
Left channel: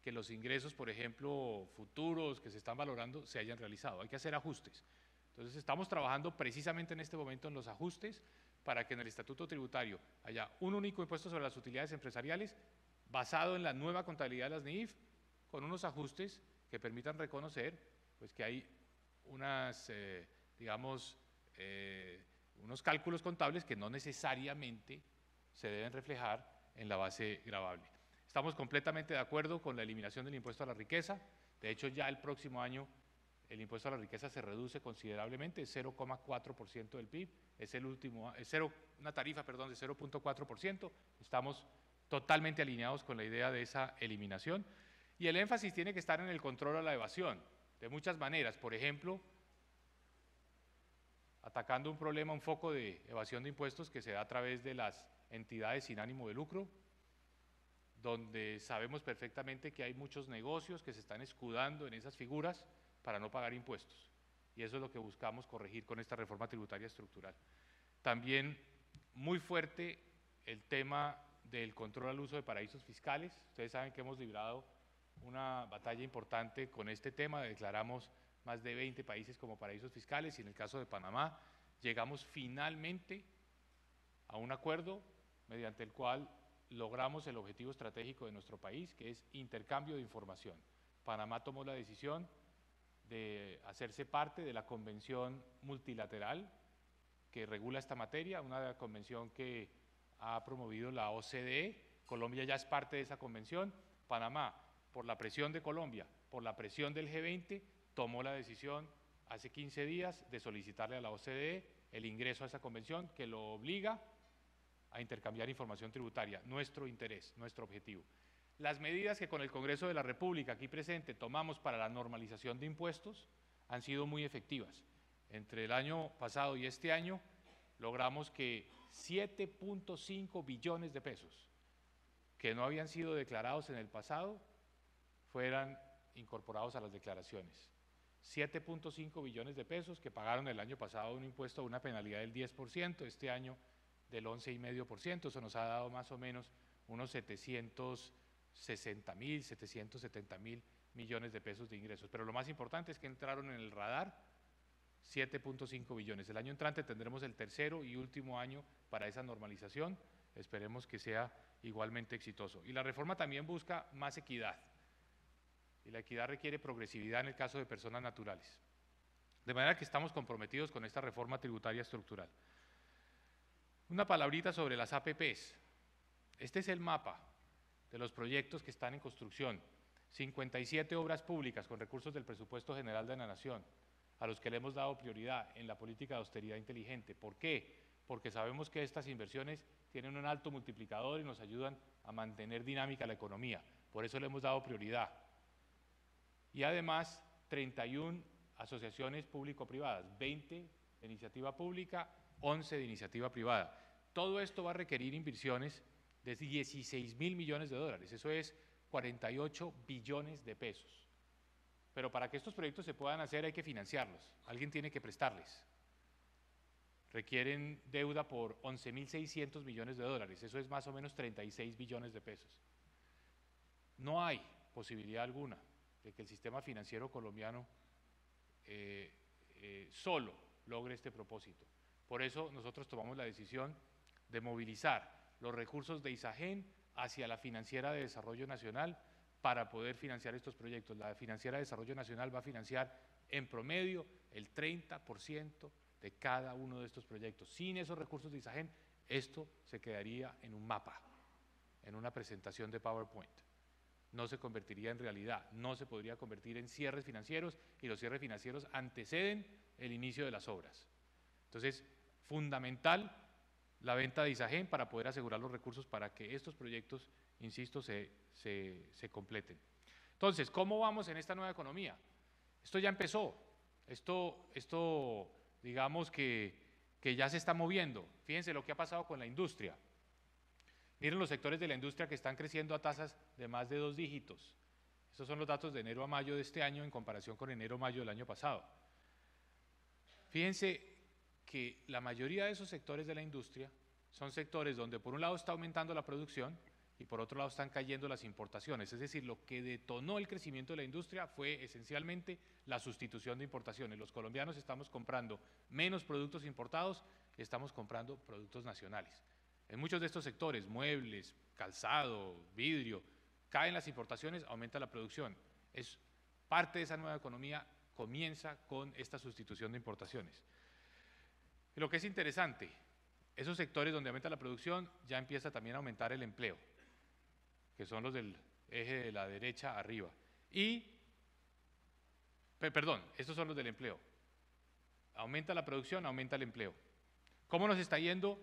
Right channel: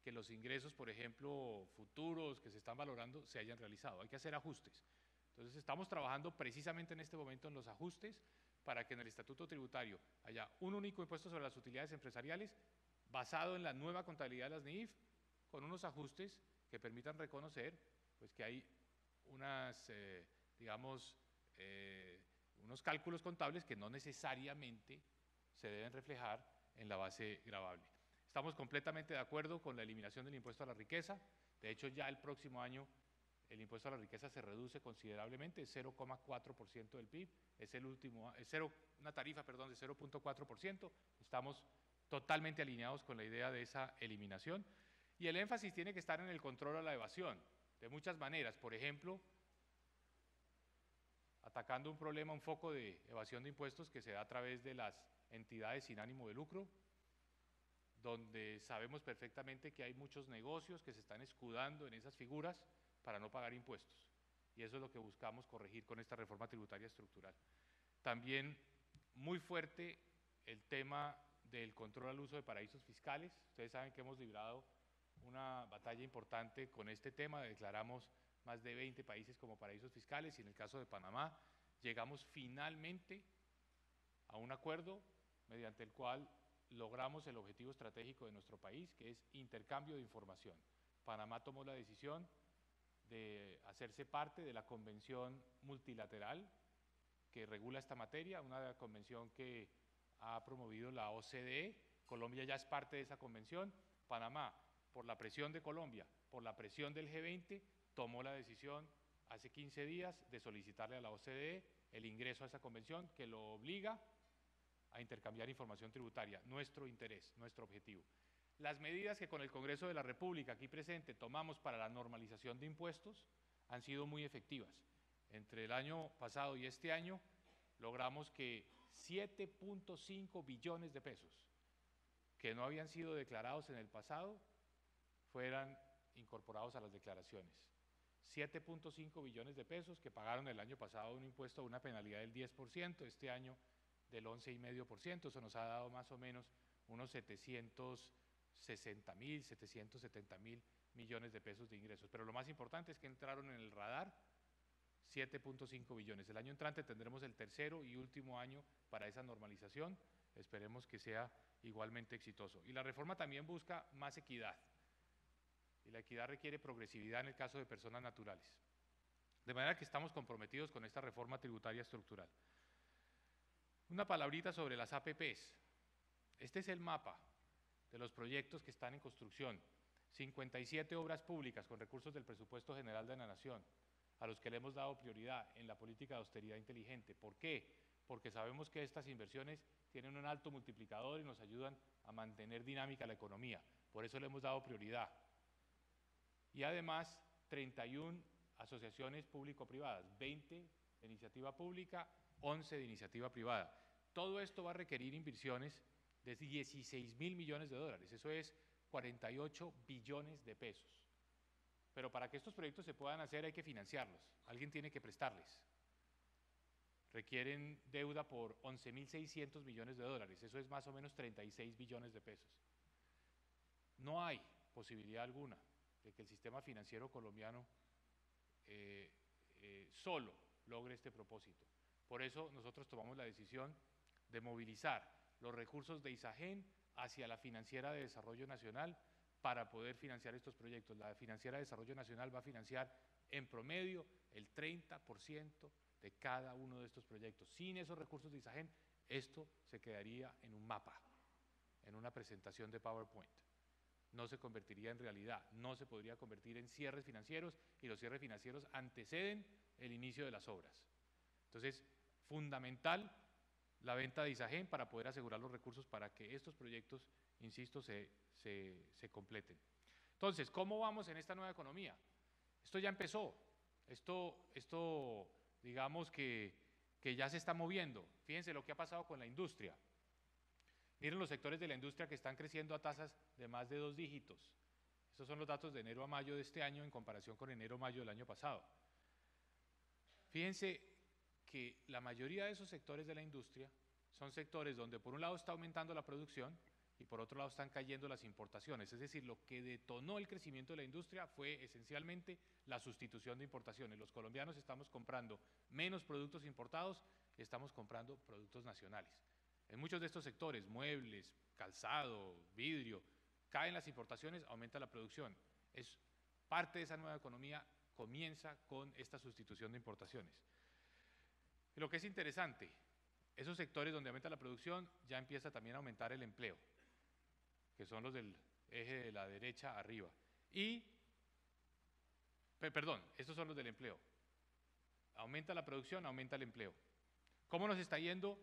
que los ingresos, por ejemplo, futuros que se están valorando se hayan realizado. Hay que hacer ajustes. Entonces estamos trabajando precisamente en este momento en los ajustes para que en el estatuto tributario haya un único impuesto sobre las utilidades empresariales basado en la nueva contabilidad de las NIF, con unos ajustes que permitan reconocer pues, que hay unas, unos cálculos contables que no necesariamente se deben reflejar en la base gravable. Estamos completamente de acuerdo con la eliminación del impuesto a la riqueza. De hecho, ya el próximo año el impuesto a la riqueza se reduce considerablemente, 0,4% del PIB, es una tarifa de 0,4%. Estamos totalmente alineados con la idea de esa eliminación. Y el énfasis tiene que estar en el control a la evasión, de muchas maneras. Por ejemplo, atacando un problema, un foco de evasión de impuestos que se da a través de las entidades sin ánimo de lucro, donde sabemos perfectamente que hay muchos negocios que se están escudando en esas figuras para no pagar impuestos. Y eso es lo que buscamos corregir con esta reforma tributaria estructural. También muy fuerte el tema del control al uso de paraísos fiscales. Ustedes saben que hemos librado una batalla importante con este tema. Declaramos más de 20 países como paraísos fiscales y en el caso de Panamá llegamos finalmente a un acuerdo mediante el cual logramos el objetivo estratégico de nuestro país, que es intercambio de información. Panamá tomó la decisión de hacerse parte de la convención multilateral que regula esta materia, una convención que ha promovido la OCDE. Colombia ya es parte de esa convención. Panamá, por la presión de Colombia, por la presión del G20, tomó la decisión hace 15 días de solicitarle a la OCDE el ingreso a esa convención que lo obliga a intercambiar información tributaria, nuestro interés, nuestro objetivo. Las medidas que con el Congreso de la República aquí presente tomamos para la normalización de impuestos han sido muy efectivas. Entre el año pasado y este año logramos que 7.5 billones de pesos que no habían sido declarados en el pasado fueran incorporados a las declaraciones. 7.5 billones de pesos que pagaron el año pasado un impuesto, una penalidad del 10%, este año del 11,5%, eso nos ha dado más o menos unos 760.000, 770.000 millones de pesos de ingresos. Pero lo más importante es que entraron en el radar 7.5 billones. El año entrante tendremos el tercero y último año para esa normalización. Esperemos que sea igualmente exitoso. Y la reforma también busca más equidad. Y la equidad requiere progresividad en el caso de personas naturales. De manera que estamos comprometidos con esta reforma tributaria estructural. Una palabrita sobre las APPs. Este es el mapa de los proyectos que están en construcción. 57 obras públicas con recursos del presupuesto general de la Nación, a los que le hemos dado prioridad en la política de austeridad inteligente. ¿Por qué? Porque sabemos que estas inversiones tienen un alto multiplicador y nos ayudan a mantener dinámica la economía. Por eso le hemos dado prioridad. Y además, 31 asociaciones público-privadas, 20 de iniciativa pública 11 de iniciativa privada. Todo esto va a requerir inversiones de 16.000 millones de dólares, eso es 48 billones de pesos. Pero para que estos proyectos se puedan hacer hay que financiarlos, alguien tiene que prestarles. Requieren deuda por 11.600 millones de dólares, eso es más o menos 36 billones de pesos. No hay posibilidad alguna de que el sistema financiero colombiano solo logre este propósito. Por eso nosotros tomamos la decisión de movilizar los recursos de ISAGEN hacia la Financiera de Desarrollo Nacional para poder financiar estos proyectos. La Financiera de Desarrollo Nacional va a financiar en promedio el 30% de cada uno de estos proyectos. Sin esos recursos de ISAGEN, esto se quedaría en un mapa, en una presentación de PowerPoint. No se convertiría en realidad, no se podría convertir en cierres financieros y los cierres financieros anteceden el inicio de las obras. Entonces, fundamental la venta de ISAGEN para poder asegurar los recursos para que estos proyectos, insisto, se completen. Entonces, ¿cómo vamos en esta nueva economía? Esto ya empezó, esto digamos que ya se está moviendo. Fíjense lo que ha pasado con la industria. Miren los sectores de la industria que están creciendo a tasas de más de 2 dígitos. Estos son los datos de enero a mayo de este año en comparación con enero a mayo del año pasado. Fíjense que la mayoría de esos sectores de la industria son sectores donde por un lado está aumentando la producción y por otro lado están cayendo las importaciones. Es decir, lo que detonó el crecimiento de la industria fue esencialmente la sustitución de importaciones. Los colombianos estamos comprando menos productos importados y estamos comprando productos nacionales. En muchos de estos sectores, muebles, calzado, vidrio, caen las importaciones, aumenta la producción. Es parte de esa nueva economía, comienza con esta sustitución de importaciones. Y lo que es interesante, esos sectores donde aumenta la producción ya empieza también a aumentar el empleo, que son los del eje de la derecha arriba. Perdón, estos son los del empleo. Aumenta la producción, aumenta el empleo. ¿Cómo nos está yendo?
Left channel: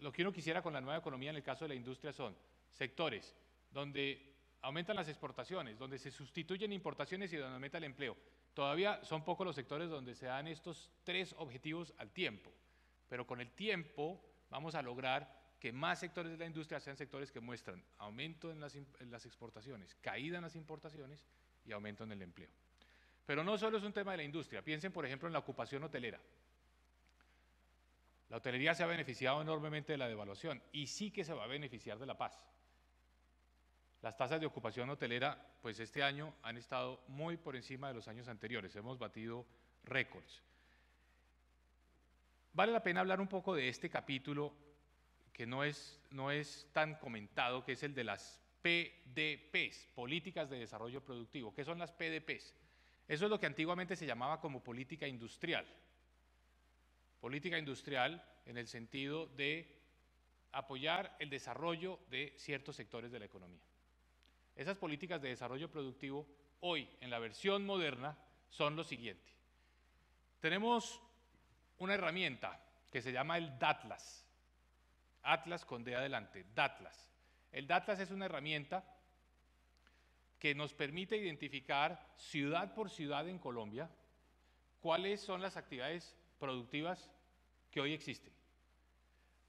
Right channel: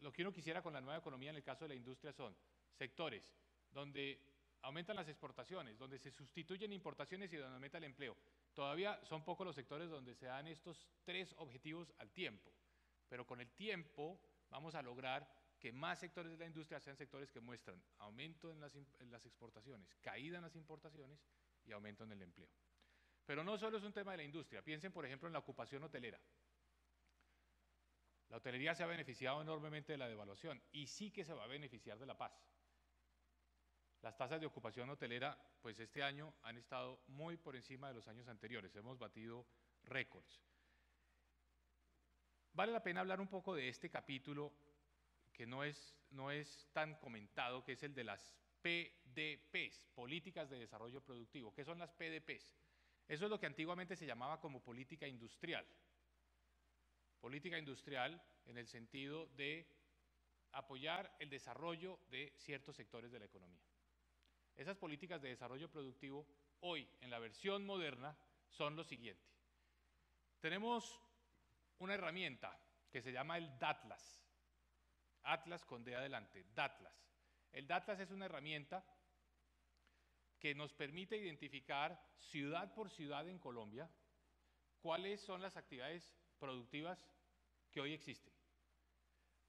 Lo que uno quisiera con la nueva economía en el caso de la industria son sectores donde aumentan las exportaciones, donde se sustituyen importaciones y donde aumenta el empleo. Todavía son pocos los sectores donde se dan estos 3 objetivos al tiempo, pero con el tiempo vamos a lograr que más sectores de la industria sean sectores que muestran aumento en las exportaciones, caída en las importaciones y aumento en el empleo. Pero no solo es un tema de la industria, piensen por ejemplo en la ocupación hotelera. La hotelería se ha beneficiado enormemente de la devaluación y sí que se va a beneficiar de la paz. Las tasas de ocupación hotelera, pues este año han estado muy por encima de los años anteriores, hemos batido récords. Vale la pena hablar un poco de este capítulo que no es tan comentado, que es el de las PDPs, Políticas de Desarrollo Productivo. ¿Qué son las PDPs? Eso es lo que antiguamente se llamaba como política industrial. Política industrial en el sentido de apoyar el desarrollo de ciertos sectores de la economía. Esas políticas de desarrollo productivo hoy en la versión moderna son lo siguiente. Tenemos una herramienta que se llama el DATLAS, Atlas con D adelante, DATLAS. El DATLAS es una herramienta que nos permite identificar ciudad por ciudad en Colombia cuáles son las actividades productivas que hoy existen,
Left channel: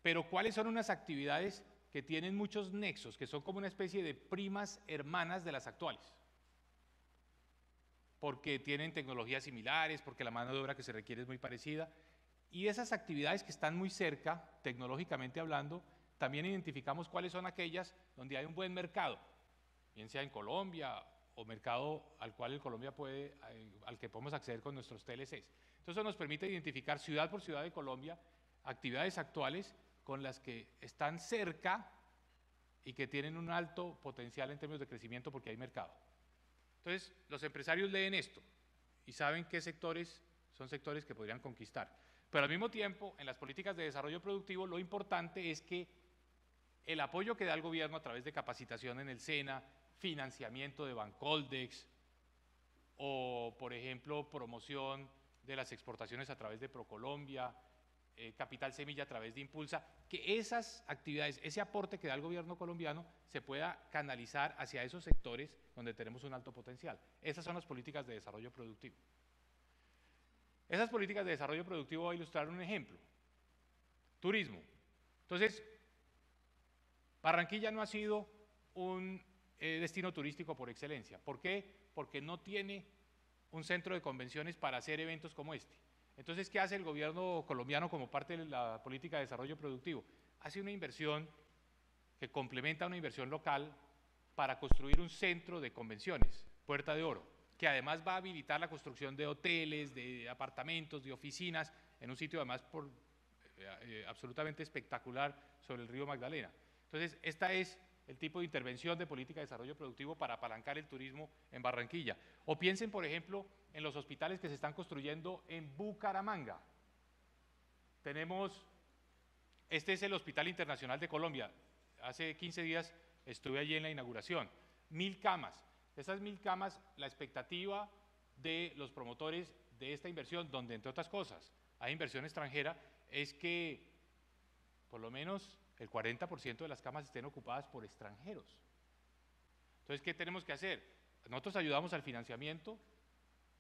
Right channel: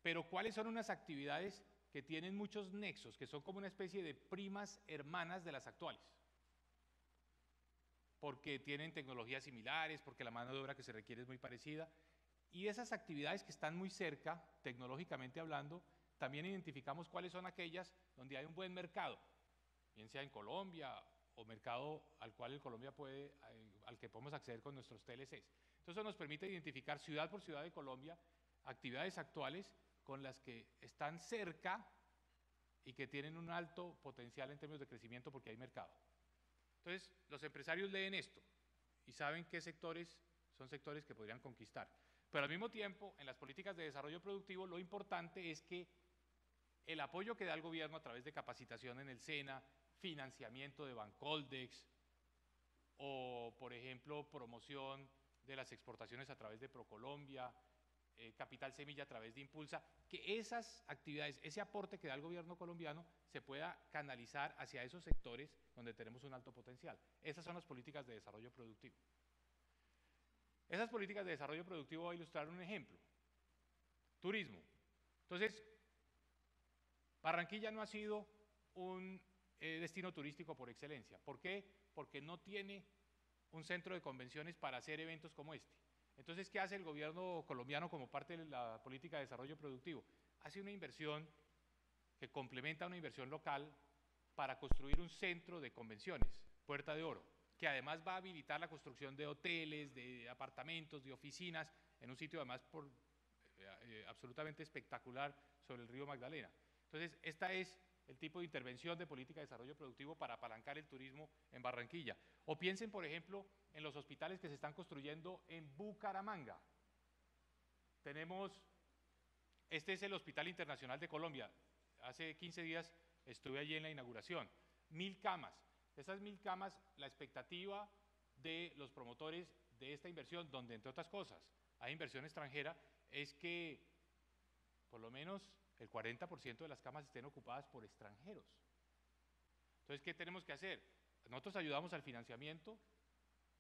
pero cuáles son unas actividades que tienen muchos nexos, que son como una especie de primas hermanas de las actuales, porque tienen tecnologías similares, porque la mano de obra que se requiere es muy parecida, y esas actividades que están muy cerca, tecnológicamente hablando, también identificamos cuáles son aquellas donde hay un buen mercado, bien sea en Colombia o mercado al cual al que podemos acceder con nuestros TLCs. Entonces eso nos permite identificar ciudad por ciudad de Colombia actividades actuales con las que están cerca y que tienen un alto potencial en términos de crecimiento porque hay mercado. Entonces los empresarios leen esto y saben qué sectores son sectores que podrían conquistar. Pero al mismo tiempo, en las políticas de desarrollo productivo, lo importante es que el apoyo que da el gobierno a través de capacitación en el SENA, financiamiento de Bancoldex o, por ejemplo, promoción de las exportaciones a través de Procolombia, Capital Semilla a través de Impulsa, que esas actividades, ese aporte que da el gobierno colombiano se pueda canalizar hacia esos sectores donde tenemos un alto potencial. Esas son las políticas de desarrollo productivo. Esas políticas de desarrollo productivo voy a ilustrar un ejemplo. Turismo. Entonces, Barranquilla no ha sido un destino turístico por excelencia. ¿Por qué? Porque no tiene un centro de convenciones para hacer eventos como este. Entonces, ¿qué hace el gobierno colombiano como parte de la política de desarrollo productivo? Hace una inversión que complementa una inversión local para construir un centro de convenciones, Puerta de Oro, que además va a habilitar la construcción de hoteles, de apartamentos, de oficinas, en un sitio además absolutamente espectacular sobre el río Magdalena. Entonces, esta es el tipo de intervención de política de desarrollo productivo para apalancar el turismo en Barranquilla. O piensen, por ejemplo, en los hospitales que se están construyendo en Bucaramanga. Este es el Hospital Internacional de Colombia. Hace 15 días estuve allí en la inauguración. 1000 camas. Esas 1000 camas, la expectativa de los promotores de esta inversión, donde entre otras cosas hay inversión extranjera, es que por lo menos el 40% de las camas estén ocupadas por extranjeros. Entonces, ¿qué tenemos que hacer? Nosotros ayudamos al financiamiento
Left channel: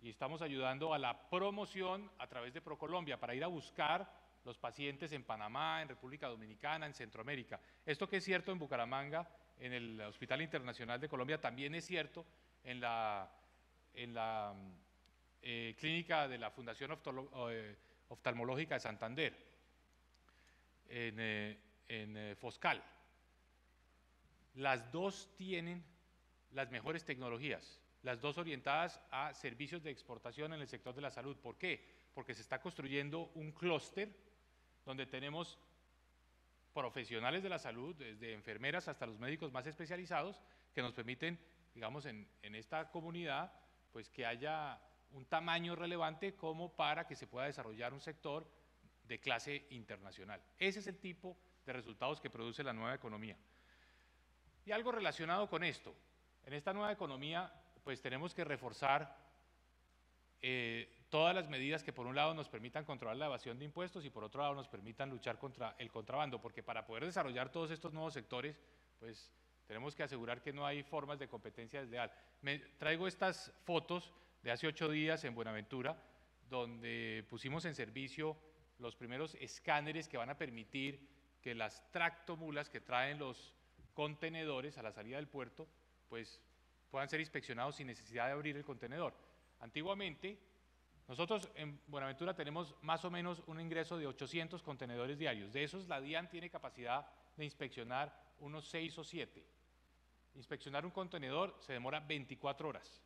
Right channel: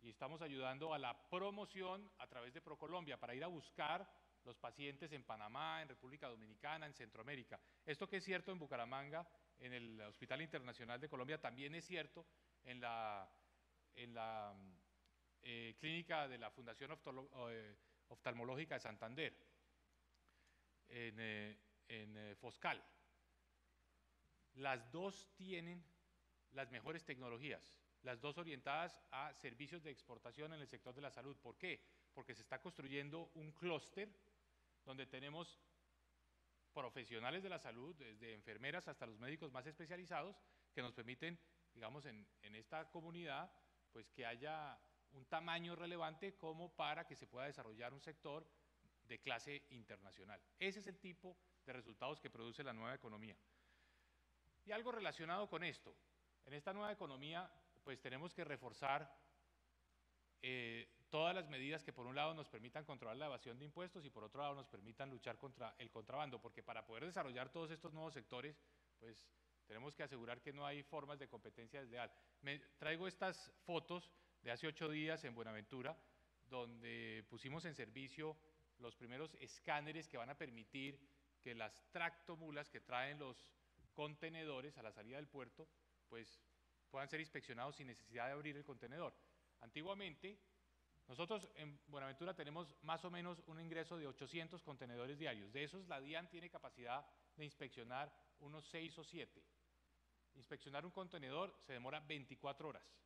y estamos ayudando a la promoción a través de ProColombia para ir a buscar los pacientes en Panamá, en República Dominicana, en Centroamérica. Esto que es cierto en Bucaramanga, en el Hospital Internacional de Colombia, también es cierto en la clínica de la Fundación Oftalmológica de Santander, en Foscal. Las dos tienen las mejores tecnologías, las dos orientadas a servicios de exportación en el sector de la salud. ¿Por qué? Porque se está construyendo un clúster donde tenemos profesionales de la salud, desde enfermeras hasta los médicos más especializados, que nos permiten, digamos, en esta comunidad, pues que haya un tamaño relevante como para que se pueda desarrollar un sector de clase internacional. Ese es el tipo de resultados que produce la nueva economía. Y algo relacionado con esto, en esta nueva economía, pues tenemos que reforzar todas las medidas que por un lado nos permitan controlar la evasión de impuestos y por otro lado nos permitan luchar contra el contrabando, porque para poder desarrollar todos estos nuevos sectores, pues tenemos que asegurar que no hay formas de competencia desleal. Traigo estas fotos de hace 8 días en Buenaventura, donde pusimos en servicio los primeros escáneres que van a permitir que las tractomulas que traen los contenedores a la salida del puerto, pues puedan ser inspeccionados sin necesidad de abrir el contenedor. Antiguamente, nosotros en Buenaventura tenemos más o menos un ingreso de 800 contenedores diarios. De esos, la DIAN tiene capacidad de inspeccionar unos 6 o 7. Inspeccionar un contenedor se demora 24 horas.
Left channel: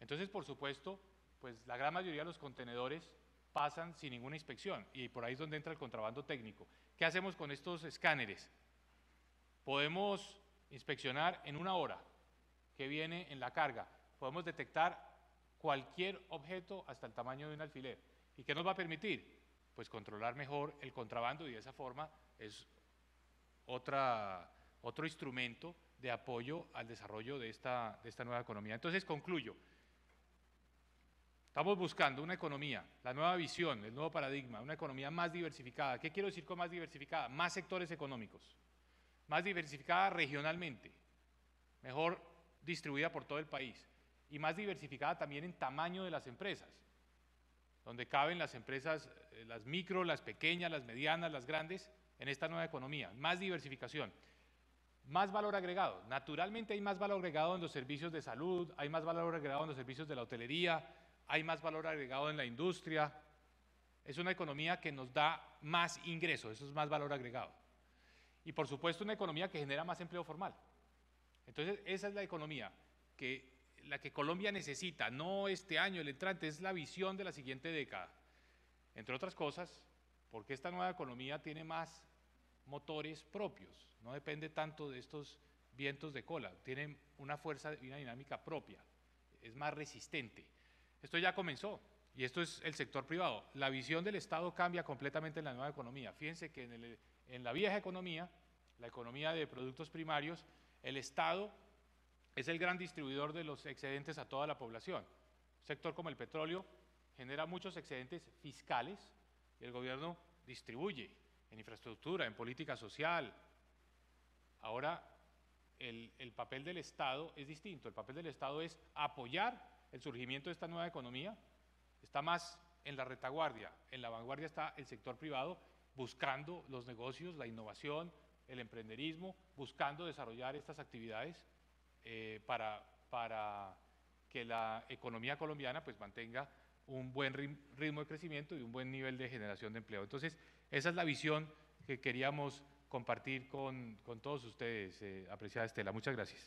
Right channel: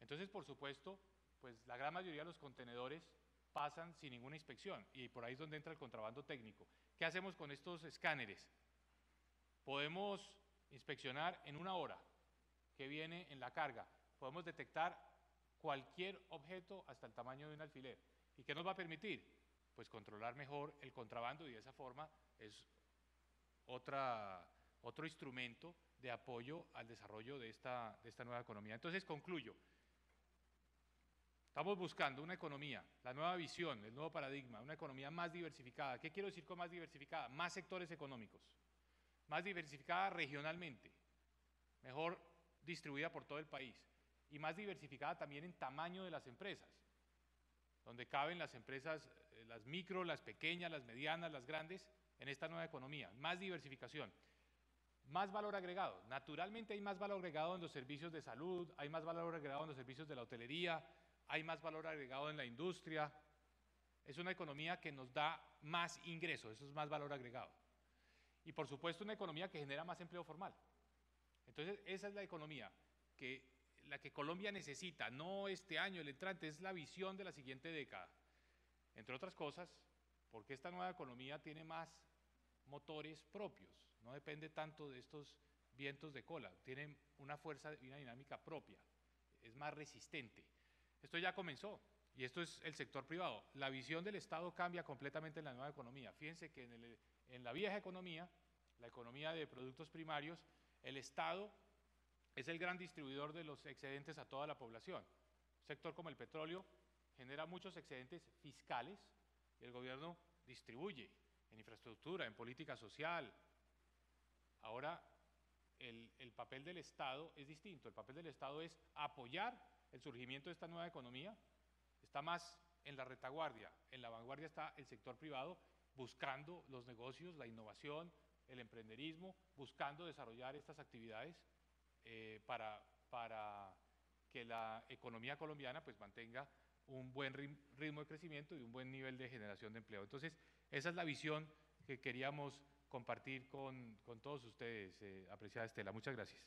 Entonces, por supuesto, pues la gran mayoría de los contenedores pasan sin ninguna inspección y por ahí es donde entra el contrabando técnico. ¿Qué hacemos con estos escáneres? Podemos inspeccionar en 1 hora que viene en la carga. Podemos detectar cualquier objeto hasta el tamaño de un alfiler. ¿Y qué nos va a permitir? Pues controlar mejor el contrabando y de esa forma es otro instrumento de apoyo al desarrollo de esta nueva economía. Entonces concluyo. Estamos buscando una economía, la nueva visión, el nuevo paradigma, una economía más diversificada. ¿Qué quiero decir con más diversificada? Más sectores económicos, más diversificada regionalmente, mejor distribuida por todo el país y más diversificada también en tamaño de las empresas, donde caben las empresas, las micro, las pequeñas, las medianas, las grandes, en esta nueva economía. Más diversificación, más valor agregado. Naturalmente hay más valor agregado en los servicios de salud, hay más valor agregado en los servicios de la hotelería, hay más valor agregado en la industria. Es una economía que nos da más ingresos, eso es más valor agregado. Y por supuesto una economía que genera más empleo formal. Entonces esa es la economía la que Colombia necesita, no este año, el entrante, es la visión de la siguiente década. Entre otras cosas, porque esta nueva economía tiene más motores propios, no depende tanto de estos vientos de cola, tiene una fuerza y una dinámica propia, es más resistente. Esto ya comenzó y esto es el sector privado. La visión del Estado cambia completamente en la nueva economía. Fíjense que en la vieja economía, la economía de productos primarios, el Estado es el gran distribuidor de los excedentes a toda la población. Un sector como el petróleo genera muchos excedentes fiscales y el gobierno distribuye en infraestructura, en política social. Ahora, el papel del Estado es distinto. El papel del Estado es apoyar el surgimiento de esta nueva economía. Está más en la retaguardia, en la vanguardia está el sector privado buscando los negocios, la innovación, el emprenderismo, buscando desarrollar estas actividades para que la economía colombiana pues mantenga un buen ritmo de crecimiento y un buen nivel de generación de empleo. Entonces, esa es la visión que queríamos compartir con todos ustedes, apreciada Estela. Muchas gracias.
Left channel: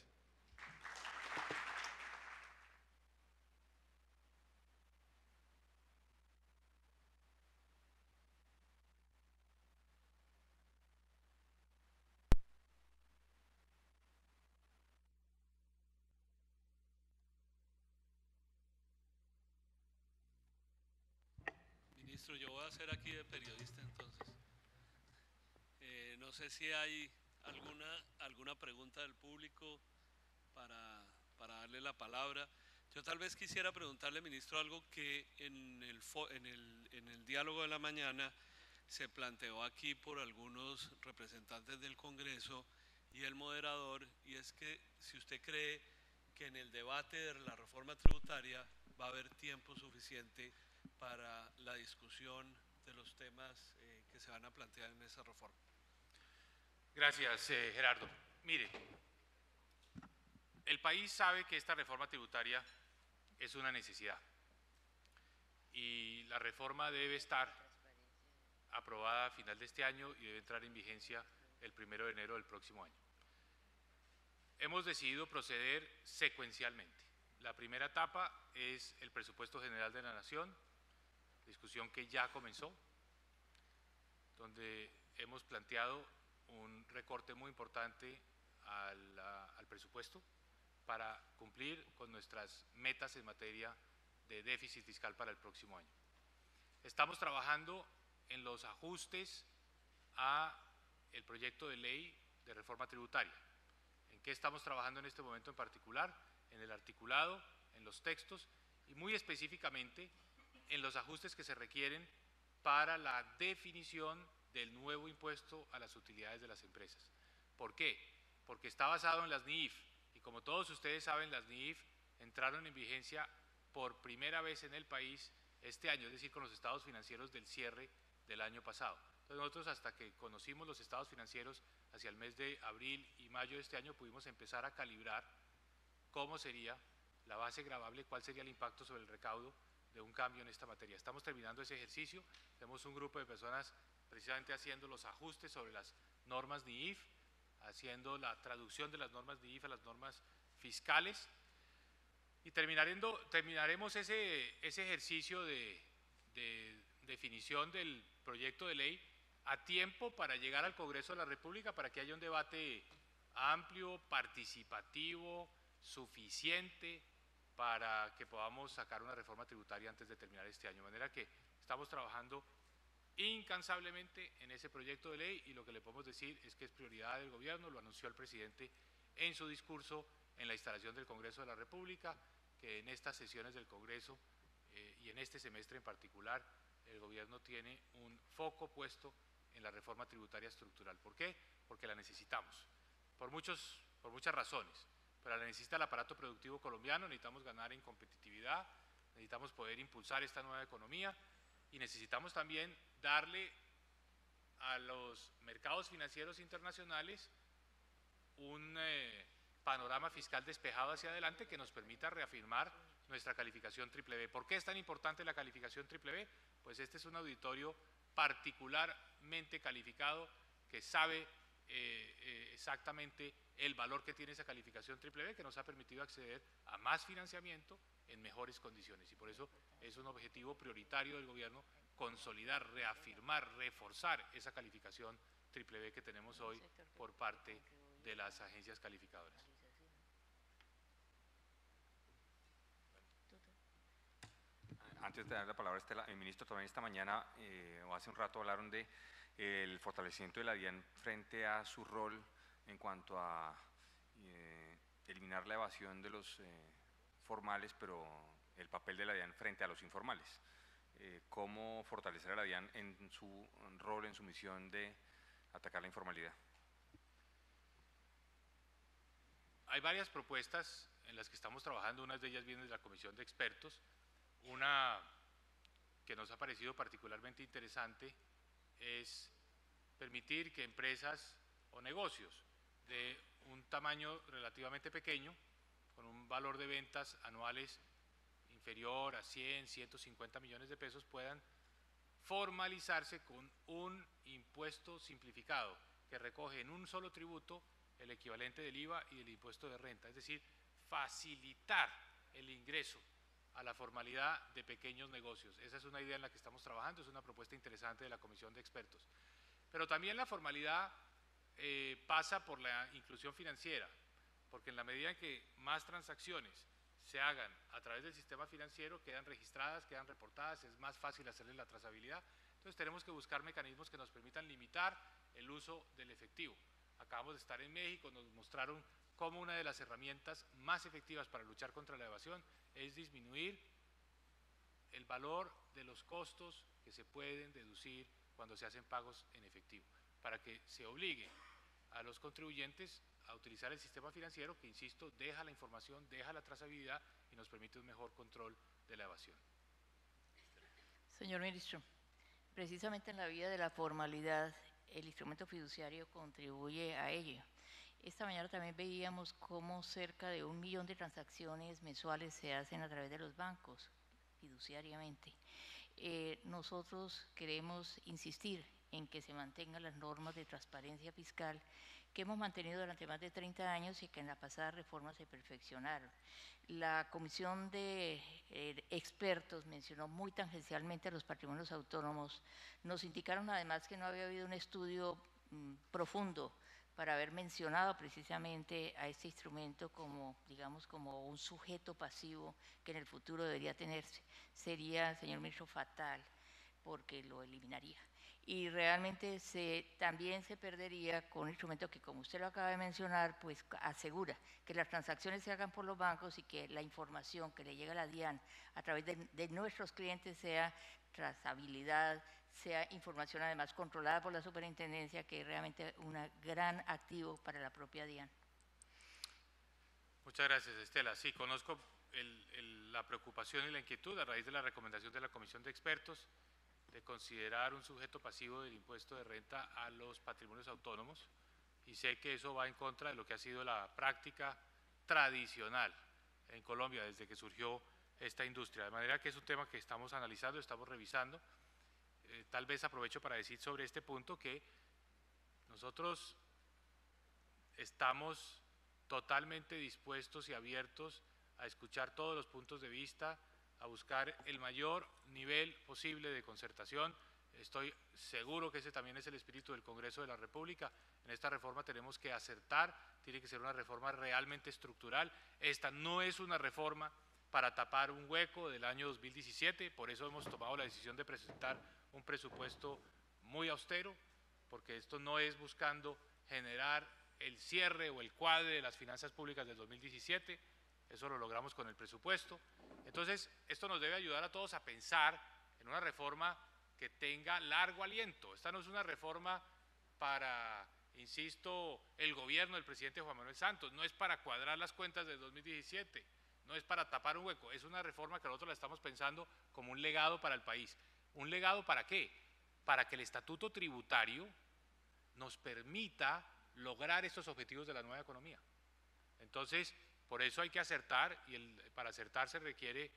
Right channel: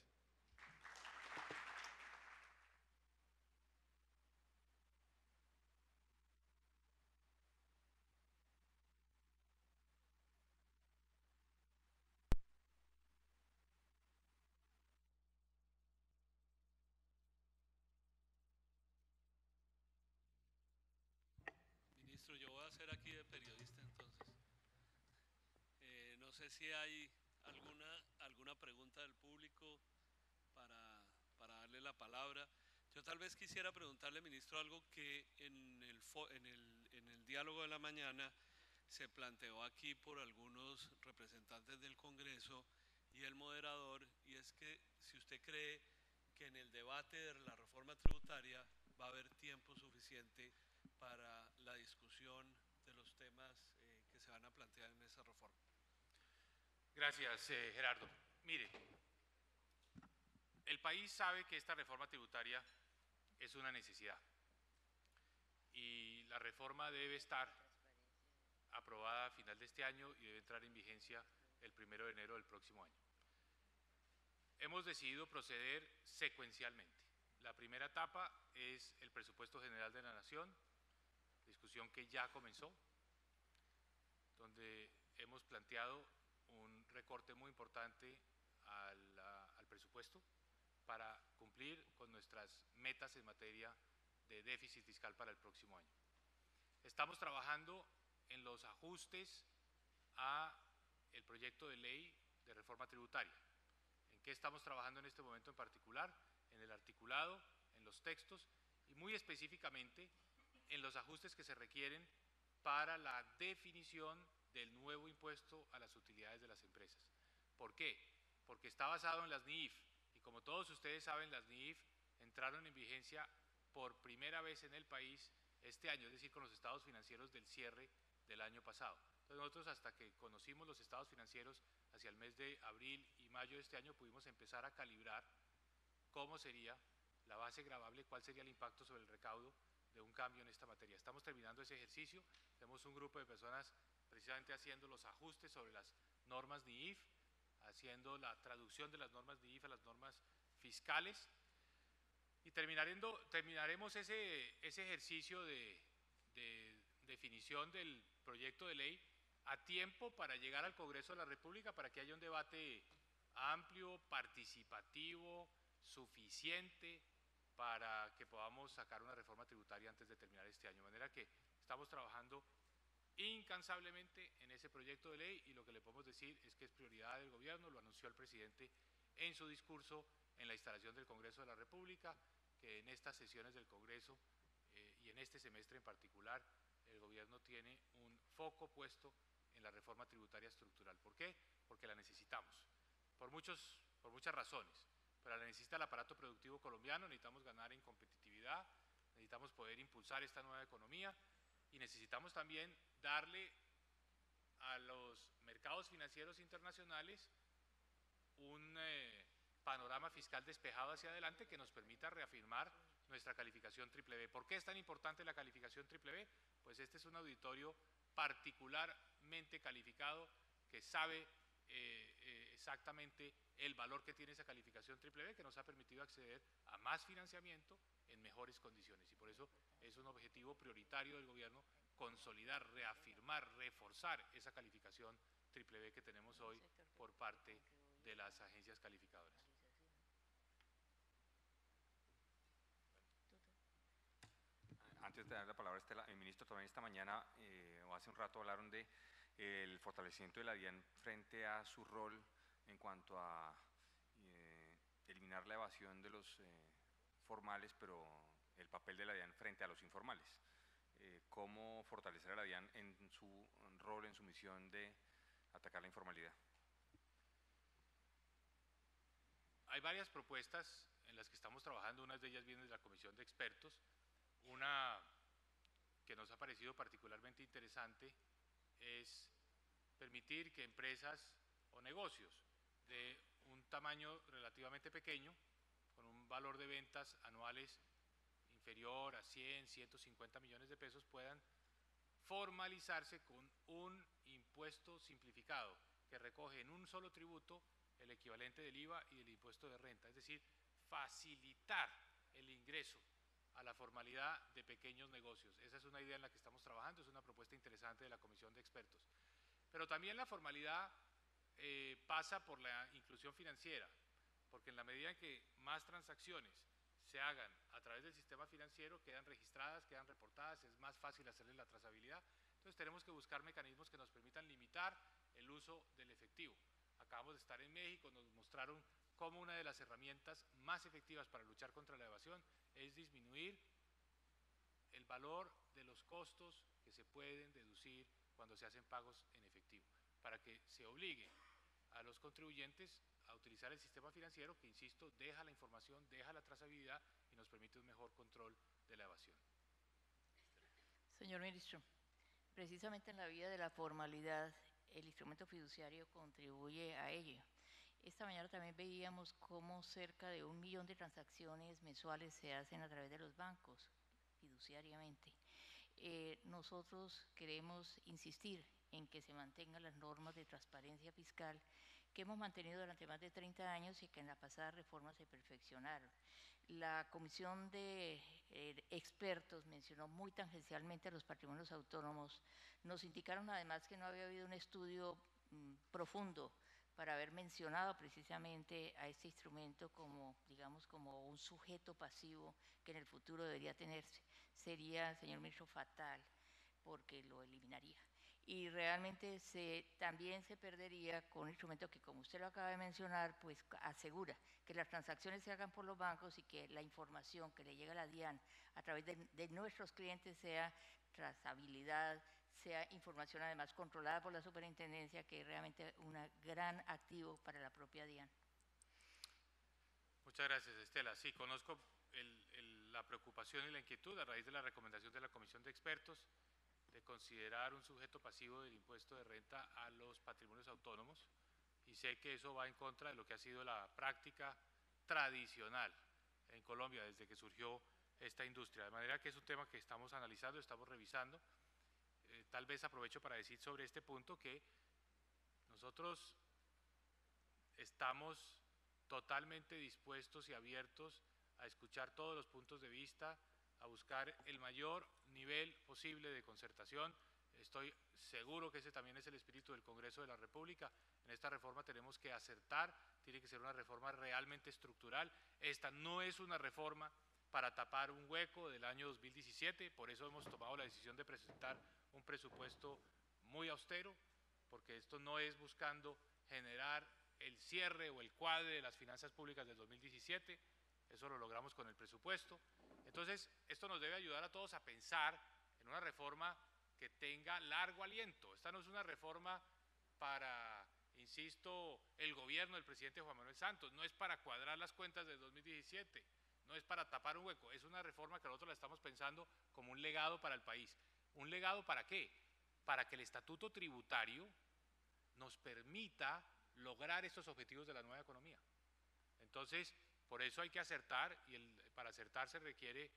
Ministro, yo voy a hacer aquí de periodista entonces. No sé si hay alguna pregunta del público para darle la palabra. Yo tal vez quisiera preguntarle, ministro, algo que en el diálogo de la mañana se planteó aquí por algunos representantes del Congreso y el moderador, y es que si usted cree que en el debate de la reforma tributaria va a haber tiempo suficiente para la discusión de los temas que se van a plantear en esa reforma. Gracias, Gerardo. Mire, el país sabe que esta reforma tributaria es una necesidad y la reforma debe estar aprobada a final de este año y debe entrar en vigencia el 1 de enero del próximo año. Hemos decidido proceder secuencialmente. La primera etapa es el presupuesto general de la Nación, discusión que ya comenzó, donde hemos planteado un recorte muy importante al presupuesto para cumplir con nuestras metas en materia de déficit fiscal para el próximo año. Estamos trabajando en los ajustes a el proyecto de ley de reforma tributaria. ¿En qué estamos trabajando en este momento en particular? En el articulado, en los textos y muy específicamente en los ajustes que se requieren para la definición del nuevo impuesto a las utilidades de las empresas. ¿Por qué? Porque está basado en las NIIF y como todos ustedes saben, las NIIF entraron en vigencia por primera vez en el país este año, es decir, con los estados financieros del cierre del año pasado. Entonces nosotros hasta que conocimos los estados financieros hacia el mes de abril y mayo de este año pudimos empezar a calibrar cómo sería la base gravable, cuál sería el impacto sobre el recaudo de un cambio en esta materia. Estamos terminando ese ejercicio, tenemos un grupo de personas precisamente haciendo los ajustes sobre las normas NIIF, haciendo la traducción de las normas NIIF a las normas fiscales y terminaremos ese ejercicio de definición del proyecto de ley a tiempo para llegar al Congreso de la República para que haya un debate amplio, participativo, suficiente para que podamos sacar una reforma tributaria antes de terminar este año. De manera que estamos trabajando incansablemente en ese proyecto de ley y lo que le podemos decir es que es prioridad del gobierno, lo anunció el presidente en su discurso en la instalación del Congreso de la República, que en estas sesiones del Congreso y en este semestre en particular el gobierno tiene un foco puesto en la reforma tributaria estructural. ¿Por qué? Porque la necesitamos, por muchas razones, pero la necesita el aparato productivo colombiano, necesitamos ganar en competitividad, necesitamos poder impulsar esta nueva economía y necesitamos también darle a los mercados financieros internacionales un panorama fiscal despejado hacia adelante que nos permita reafirmar nuestra calificación BBB. ¿Por qué es tan importante la calificación BBB? Pues este es un auditorio particularmente calificado que sabe exactamente el valor que tiene esa calificación BBB, que nos ha permitido acceder a más financiamiento en mejores condiciones y por eso es un objetivo prioritario del gobierno consolidar, reafirmar, reforzar esa calificación BBB que tenemos hoy por parte de las agencias calificadoras. Antes de dar la palabra a Estela, el ministro también esta mañana o hace un rato hablaron de el fortalecimiento de la DIAN frente a su rol en cuanto a eliminar la evasión de los formales, pero el papel de la DIAN frente a los informales. ¿Cómo fortalecer a la DIAN en su rol, en su misión de atacar la informalidad? Hay varias propuestas en las que estamos trabajando, unas de ellas vienen de la Comisión de Expertos. Una que nos ha parecido particularmente interesante es permitir que empresas o negocios de un tamaño relativamente pequeño, con un valor de ventas anuales inferior a 100, 150 millones de pesos, puedan formalizarse con un impuesto simplificado que recoge en un solo tributo el equivalente del IVA y del impuesto de renta, es decir, facilitar el ingreso a la formalidad de pequeños negocios. Esa es una idea en la que estamos trabajando, es una propuesta interesante de la Comisión de Expertos. Pero también la formalidad pasa por la inclusión financiera, porque en la medida en que más transacciones se hagan a través del sistema financiero, quedan registradas, quedan reportadas, es más fácil hacerles la trazabilidad. Entonces tenemos que buscar mecanismos que nos permitan limitar el uso del efectivo. Acabamos de estar en México, nos mostraron cómo una de las herramientas más efectivas para luchar contra la evasión es disminuir el valor de los costos que se pueden deducir cuando se hacen pagos en efectivo, para que se obligue a los contribuyentes a utilizar el sistema financiero que, insisto, deja la información, deja la trazabilidad y nos permite un mejor control de la evasión. Señor Ministro, precisamente en la vía de la formalidad, el instrumento fiduciario contribuye a ello. Esta mañana también veíamos cómo cerca de 1 millón de transacciones mensuales se hacen a través de los bancos, fiduciariamente. Nosotros queremos insistir en que se mantengan las normas de transparencia fiscal que hemos mantenido durante más de 30 años y que en la pasada reforma se perfeccionaron. La Comisión de Expertos mencionó muy tangencialmente a los patrimonios autónomos. Nos indicaron además que no había habido un estudio profundo para haber mencionado precisamente a este instrumento como, digamos, como un sujeto pasivo que en el futuro debería tenerse. Sería, señor ministro, fatal, porque lo eliminaría. Y realmente también se perdería con un instrumento que, como usted lo acaba de mencionar, pues asegura que las transacciones se hagan por los bancos y que la información que le llega a la DIAN a través de nuestros clientes sea trazabilidad, sea información además controlada por la superintendencia, que es realmente un gran activo para la propia DIAN. Muchas gracias, Estela. Sí, conozco la preocupación y la inquietud a raíz de la recomendación de la Comisión de Expertos de considerar un sujeto pasivo del impuesto de renta a los patrimonios autónomos, y sé que eso va en contra de lo que ha sido la práctica tradicional en Colombia desde que surgió esta industria, de manera que es un tema que estamos analizando, estamos revisando. Tal vez aprovecho para decir sobre este punto que nosotros estamos totalmente dispuestos y abiertos a escuchar todos los puntos de vista, a buscar el mayor nivel posible de concertación. Estoy seguro que ese también es el espíritu del Congreso de la República. En esta reforma tenemos que acertar, tiene que ser una reforma realmente estructural. Esta no es una reforma para tapar un hueco del año 2017, por eso hemos tomado la decisión de presentar un presupuesto muy austero, porque esto no es buscando generar el cierre o el cuadre de las finanzas públicas del 2017, eso lo logramos con el presupuesto. Entonces, esto nos debe ayudar a todos a pensar en una reforma que tenga largo aliento. Esta no es una reforma para, insisto, el gobierno del presidente Juan Manuel Santos, no es para cuadrar las cuentas del 2017, no es para tapar un hueco, es una reforma que nosotros la estamos pensando como un legado para el país. ¿Un legado para qué? Para que el estatuto tributario nos permita lograr estos objetivos de la nueva economía. Entonces, por eso hay que acertar, y para acertar se requiere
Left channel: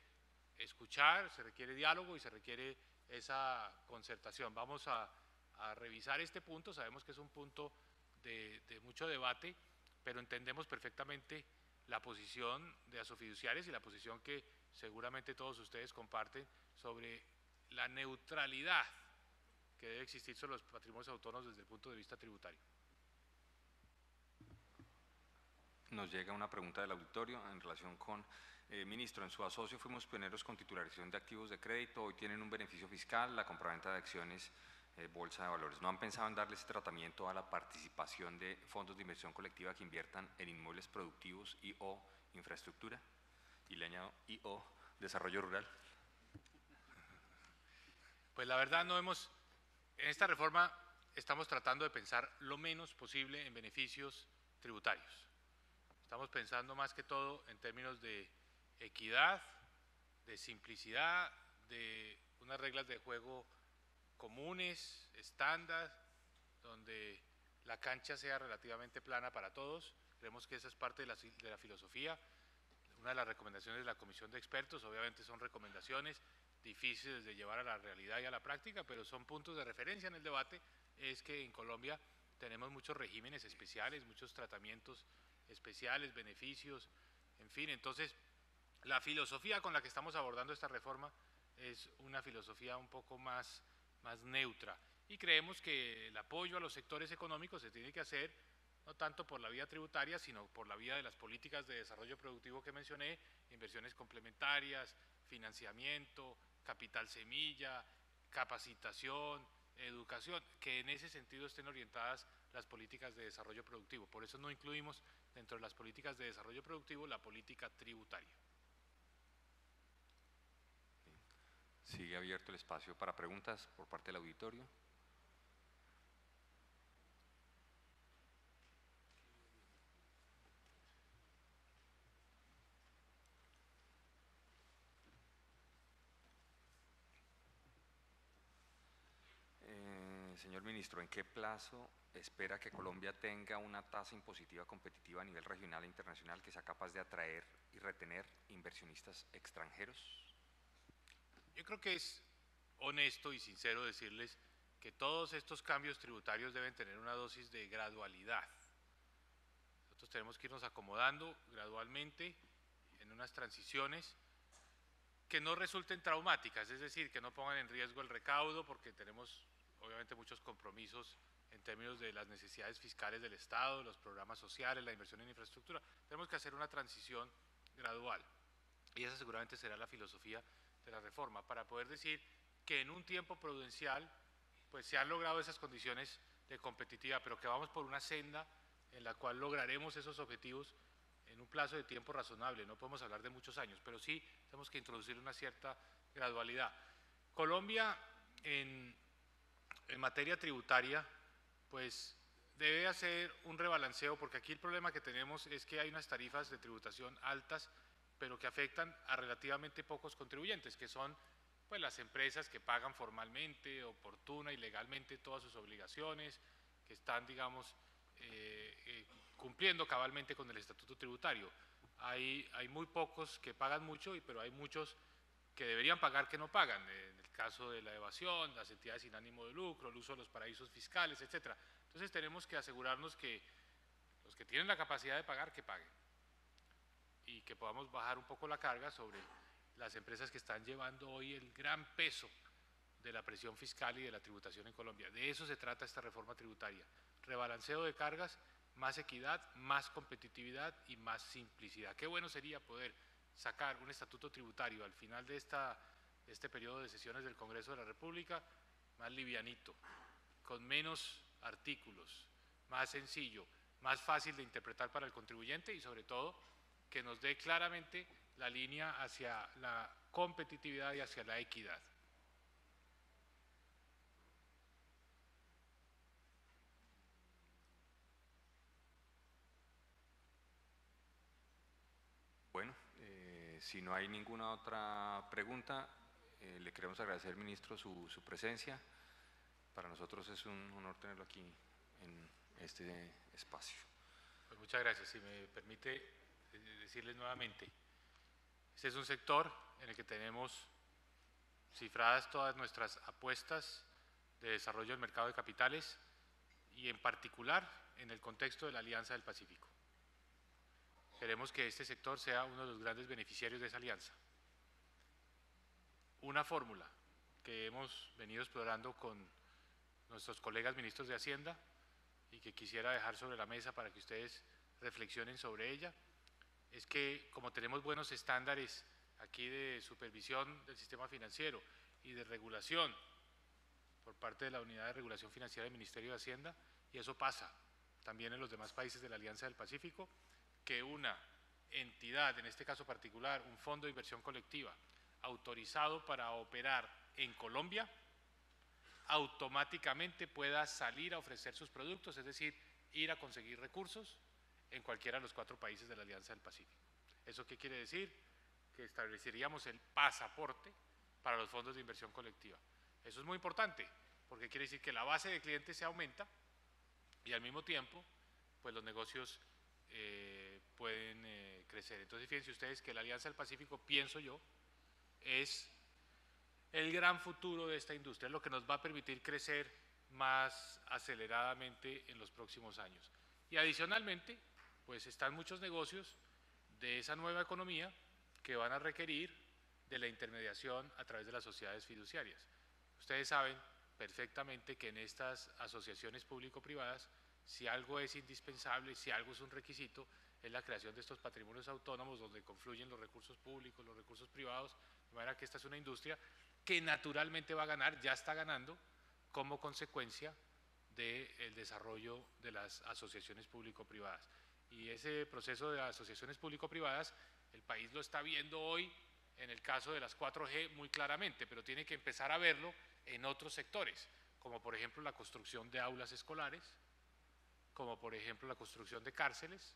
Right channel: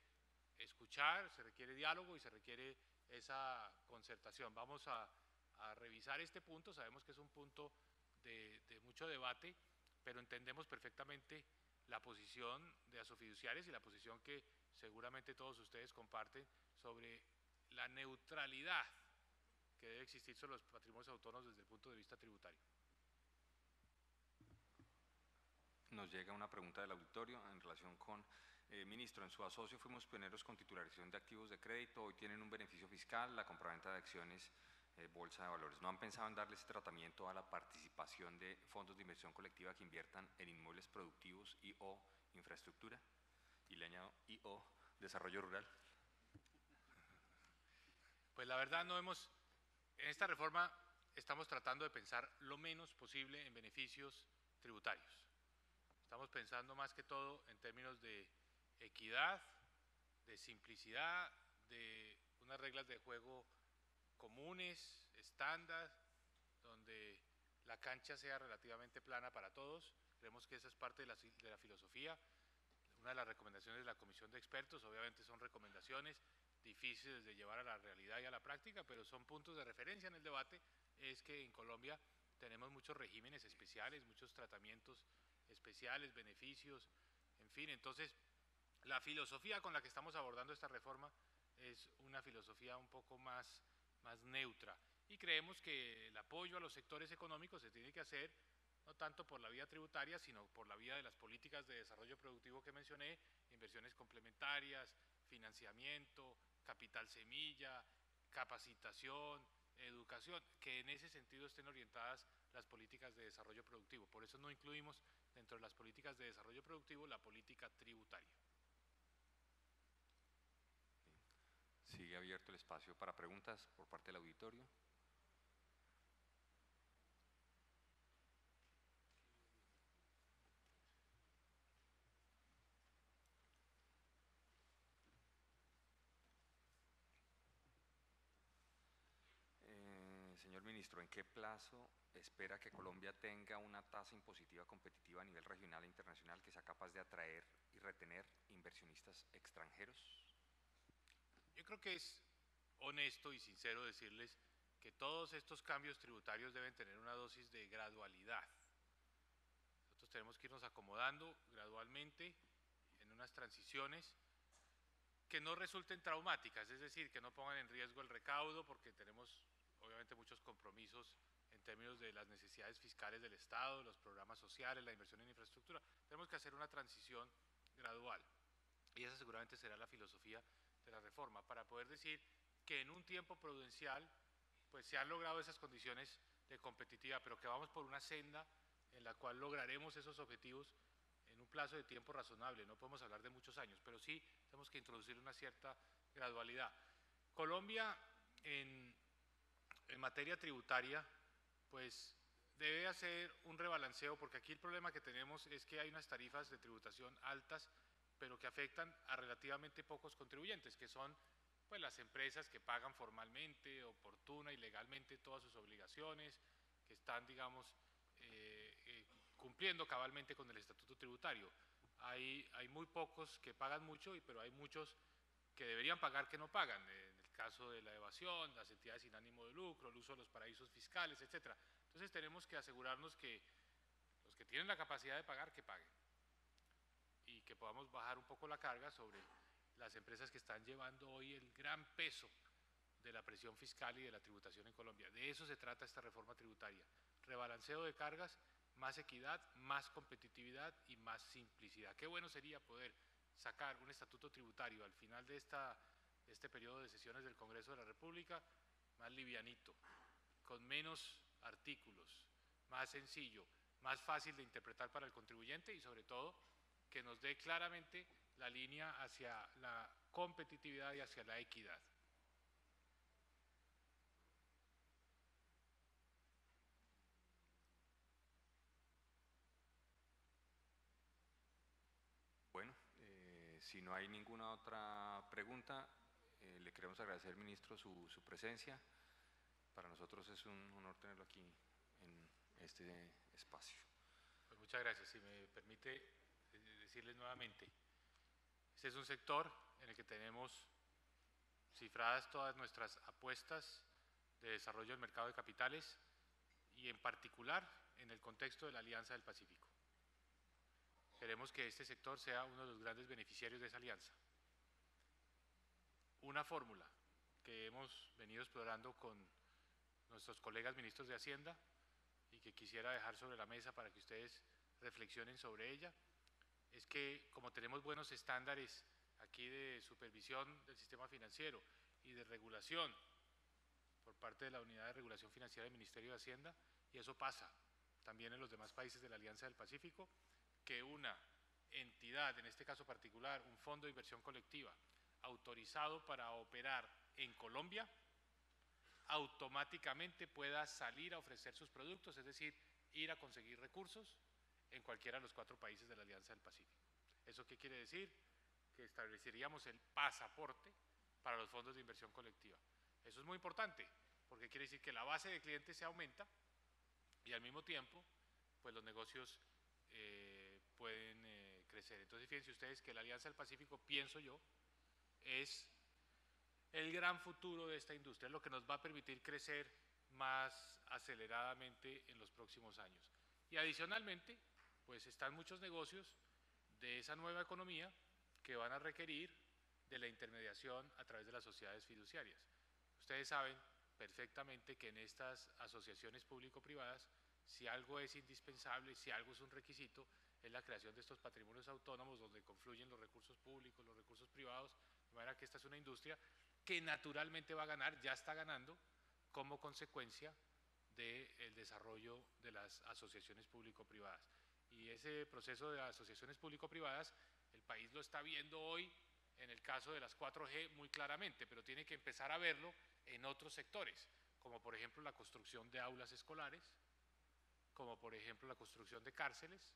escuchar, se requiere diálogo y se requiere esa concertación. Vamos a revisar este punto, sabemos que es un punto de mucho debate, pero entendemos perfectamente la posición de Asofiduciarias y la posición que seguramente todos ustedes comparten sobre la neutralidad que debe existir sobre los patrimonios autónomos desde el punto de vista tributario. Nos llega una pregunta del auditorio en relación con, ministro, en su asocio fuimos pioneros con titularización de activos de crédito, hoy tienen un beneficio fiscal, la compraventa de acciones, bolsa de valores. ¿No han pensado en darle ese tratamiento a la participación de fondos de inversión colectiva que inviertan en inmuebles productivos y o infraestructura? Y le añado, y o desarrollo rural. Pues la verdad no hemos, en esta reforma estamos tratando de pensar lo menos posible en beneficios tributarios. Estamos pensando más que todo en términos de equidad, de simplicidad, de unas reglas de juego comunes, estándar, donde la cancha sea relativamente plana para todos. Creemos que esa es parte de la filosofía. Una de las recomendaciones de la Comisión de Expertos, obviamente son recomendaciones difíciles de llevar a la realidad y a la práctica, pero son puntos de referencia en el debate, es que en Colombia tenemos muchos regímenes especiales, muchos tratamientos especiales, beneficios, en fin. Entonces, la filosofía con la que estamos abordando esta reforma es una filosofía un poco más neutra, y creemos que el apoyo a los sectores económicos se tiene que hacer no tanto por la vía tributaria, sino por la vía de las políticas de desarrollo productivo que mencioné, inversiones complementarias, financiamiento, capital semilla, capacitación, educación, que en ese sentido estén orientadas las políticas de desarrollo productivo. Por eso no incluimos dentro de las políticas de desarrollo productivo la política tributaria. Sigue abierto el espacio para preguntas por parte del auditorio. Señor ministro, ¿en qué plazo espera que Colombia tenga una tasa impositiva competitiva a nivel regional e internacional que sea capaz de atraer y retener inversionistas extranjeros? Yo creo que es honesto y sincero decirles que todos estos cambios tributarios deben tener una dosis de gradualidad. Nosotros tenemos que irnos acomodando gradualmente en unas transiciones que no resulten traumáticas, es decir, que no pongan en riesgo el recaudo, porque tenemos obviamente muchos compromisos en términos de las necesidades fiscales del Estado, los programas sociales, la inversión en infraestructura. Tenemos que hacer una transición gradual, y esa seguramente será la filosofía de la reforma, para poder decir que en un tiempo prudencial pues se han logrado esas condiciones de competitividad, pero que vamos por una senda en la cual lograremos esos objetivos en un plazo de tiempo razonable. No podemos hablar de muchos años, pero sí tenemos que introducir una cierta gradualidad. Colombia en materia tributaria pues debe hacer un rebalanceo, porque aquí el problema que tenemos es que hay unas tarifas de tributación altas, pero que afectan a relativamente pocos contribuyentes, que son pues las empresas que pagan formalmente, oportuna y legalmente todas sus obligaciones, que están, digamos, cumpliendo cabalmente con el estatuto tributario. Hay muy pocos que pagan mucho, pero hay muchos que deberían pagar que no pagan, en el caso de la evasión, las entidades sin ánimo de lucro, el uso de los paraísos fiscales, etc. Entonces tenemos que asegurarnos que los que tienen la capacidad de pagar, que paguen, y que podamos bajar un poco la carga sobre las empresas que están llevando hoy el gran peso de la presión fiscal y de la tributación en Colombia. De eso se trata esta reforma tributaria: rebalanceo de cargas, más equidad, más competitividad y más simplicidad. Qué bueno sería poder sacar un estatuto tributario al final de este periodo de sesiones del Congreso de la República más livianito, con menos artículos, más sencillo, más fácil de interpretar para el contribuyente, y sobre todo que nos dé claramente la línea hacia la competitividad y hacia la equidad. Bueno, si no hay ninguna otra pregunta, le queremos agradecer, ministro, su presencia. Para nosotros es un honor tenerlo aquí en este espacio. Pues muchas gracias. Si me permite decirles nuevamente, este es un sector en el que tenemos cifradas todas nuestras apuestas de desarrollo del mercado de capitales, y en particular en el contexto de la Alianza del Pacífico. Queremos que este sector sea uno de los grandes beneficiarios de esa alianza. Una fórmula que hemos venido explorando con nuestros colegas ministros de Hacienda y que quisiera dejar sobre la mesa para que ustedes reflexionen sobre ella, es que como tenemos buenos estándares aquí de supervisión del sistema financiero y de regulación por parte de la Unidad de Regulación Financiera del Ministerio de Hacienda, y eso pasa también en los demás países de la Alianza del Pacífico, que una entidad, en este caso particular, un fondo de inversión colectiva, autorizado para operar en Colombia, automáticamente pueda salir a ofrecer sus productos, es decir, ir a conseguir recursos en cualquiera de los 4 países de la Alianza del Pacífico. ¿Eso qué quiere decir? Que estableceríamos el pasaporte para los fondos de inversión colectiva. Eso es muy importante, porque quiere decir que la base de clientes se aumenta y al mismo tiempo, pues los negocios pueden crecer. Entonces, fíjense ustedes que la Alianza del Pacífico, pienso yo, es el gran futuro de esta industria, es lo que nos va a permitir crecer más aceleradamente en los próximos años. Y adicionalmente, pues están muchos negocios de esa nueva economía que van a requerir de la intermediación a través de las sociedades fiduciarias. Ustedes saben perfectamente que en estas asociaciones público-privadas, si algo es indispensable, si algo es un requisito, es la creación de estos patrimonios autónomos donde confluyen los recursos públicos, los recursos privados, de manera que esta es una industria que naturalmente va a ganar, ya está ganando, como consecuencia del desarrollo de las asociaciones público-privadas. Y ese proceso de asociaciones público-privadas, el país lo está viendo hoy en el caso de las 4G muy claramente, pero tiene que empezar a verlo en otros sectores, como por ejemplo la construcción de aulas escolares, como por ejemplo la construcción de cárceles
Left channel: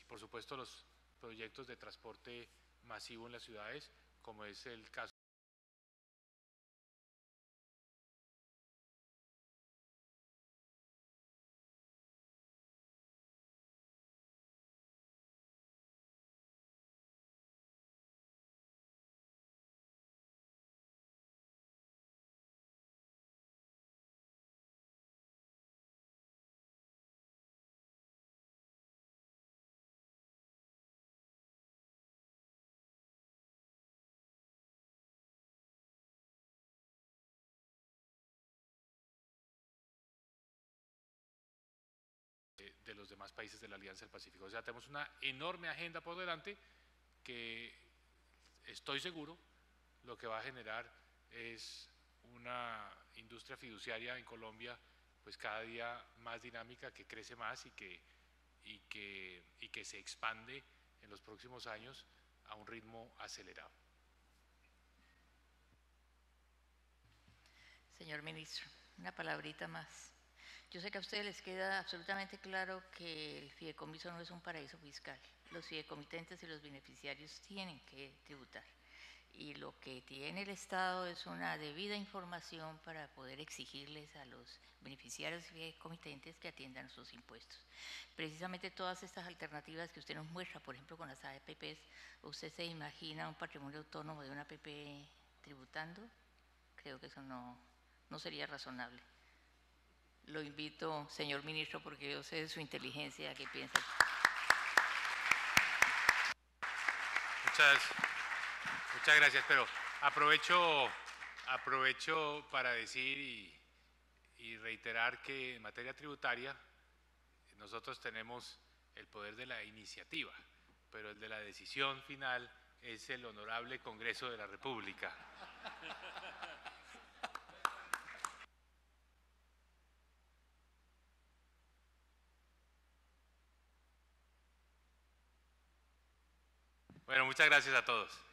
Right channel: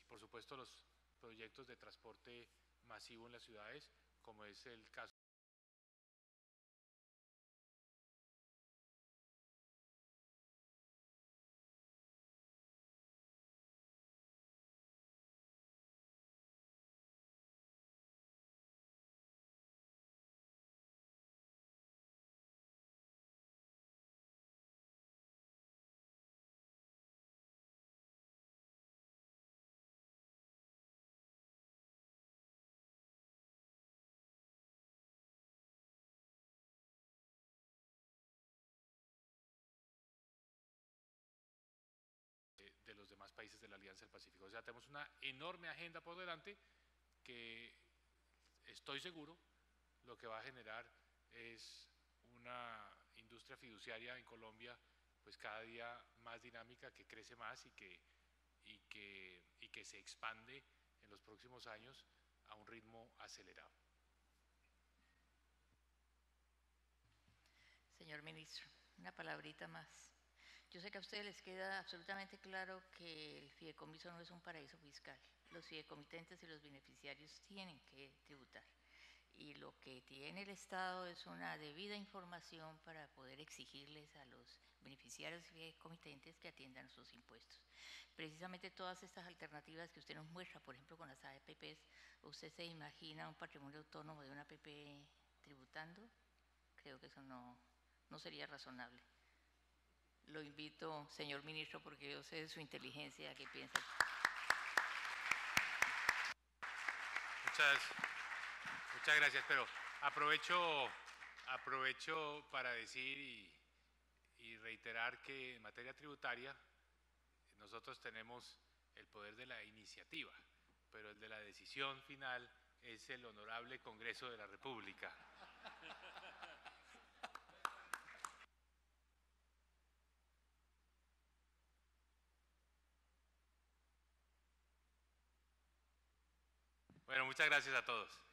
y por supuesto los proyectos de transporte masivo en las ciudades, como es el caso de los demás países de la Alianza del Pacífico. O sea, tenemos una enorme agenda por delante que estoy seguro lo que va a generar es una industria fiduciaria en Colombia pues cada día más dinámica, que crece más y que se expande en los próximos años a un ritmo acelerado. Señor ministro, una palabrita más. Yo sé que a ustedes les queda absolutamente claro que el fideicomiso no es un paraíso fiscal. Los fideicomitentes y los beneficiarios tienen que tributar. Y lo que tiene el Estado es una debida información para poder exigirles a los beneficiarios y fideicomitentes que atiendan sus impuestos. Precisamente todas estas alternativas que usted nos muestra, por ejemplo con las APPs, ¿usted se imagina un patrimonio autónomo de una APP tributando? Creo que eso no sería razonable. Lo invito, señor ministro, porque yo sé de su inteligencia, que piensa. Muchas gracias, pero aprovecho para decir y reiterar que en materia tributaria nosotros tenemos el poder de la iniciativa, pero el de la decisión final es el Honorable Congreso de la República. Bueno, muchas gracias a todos.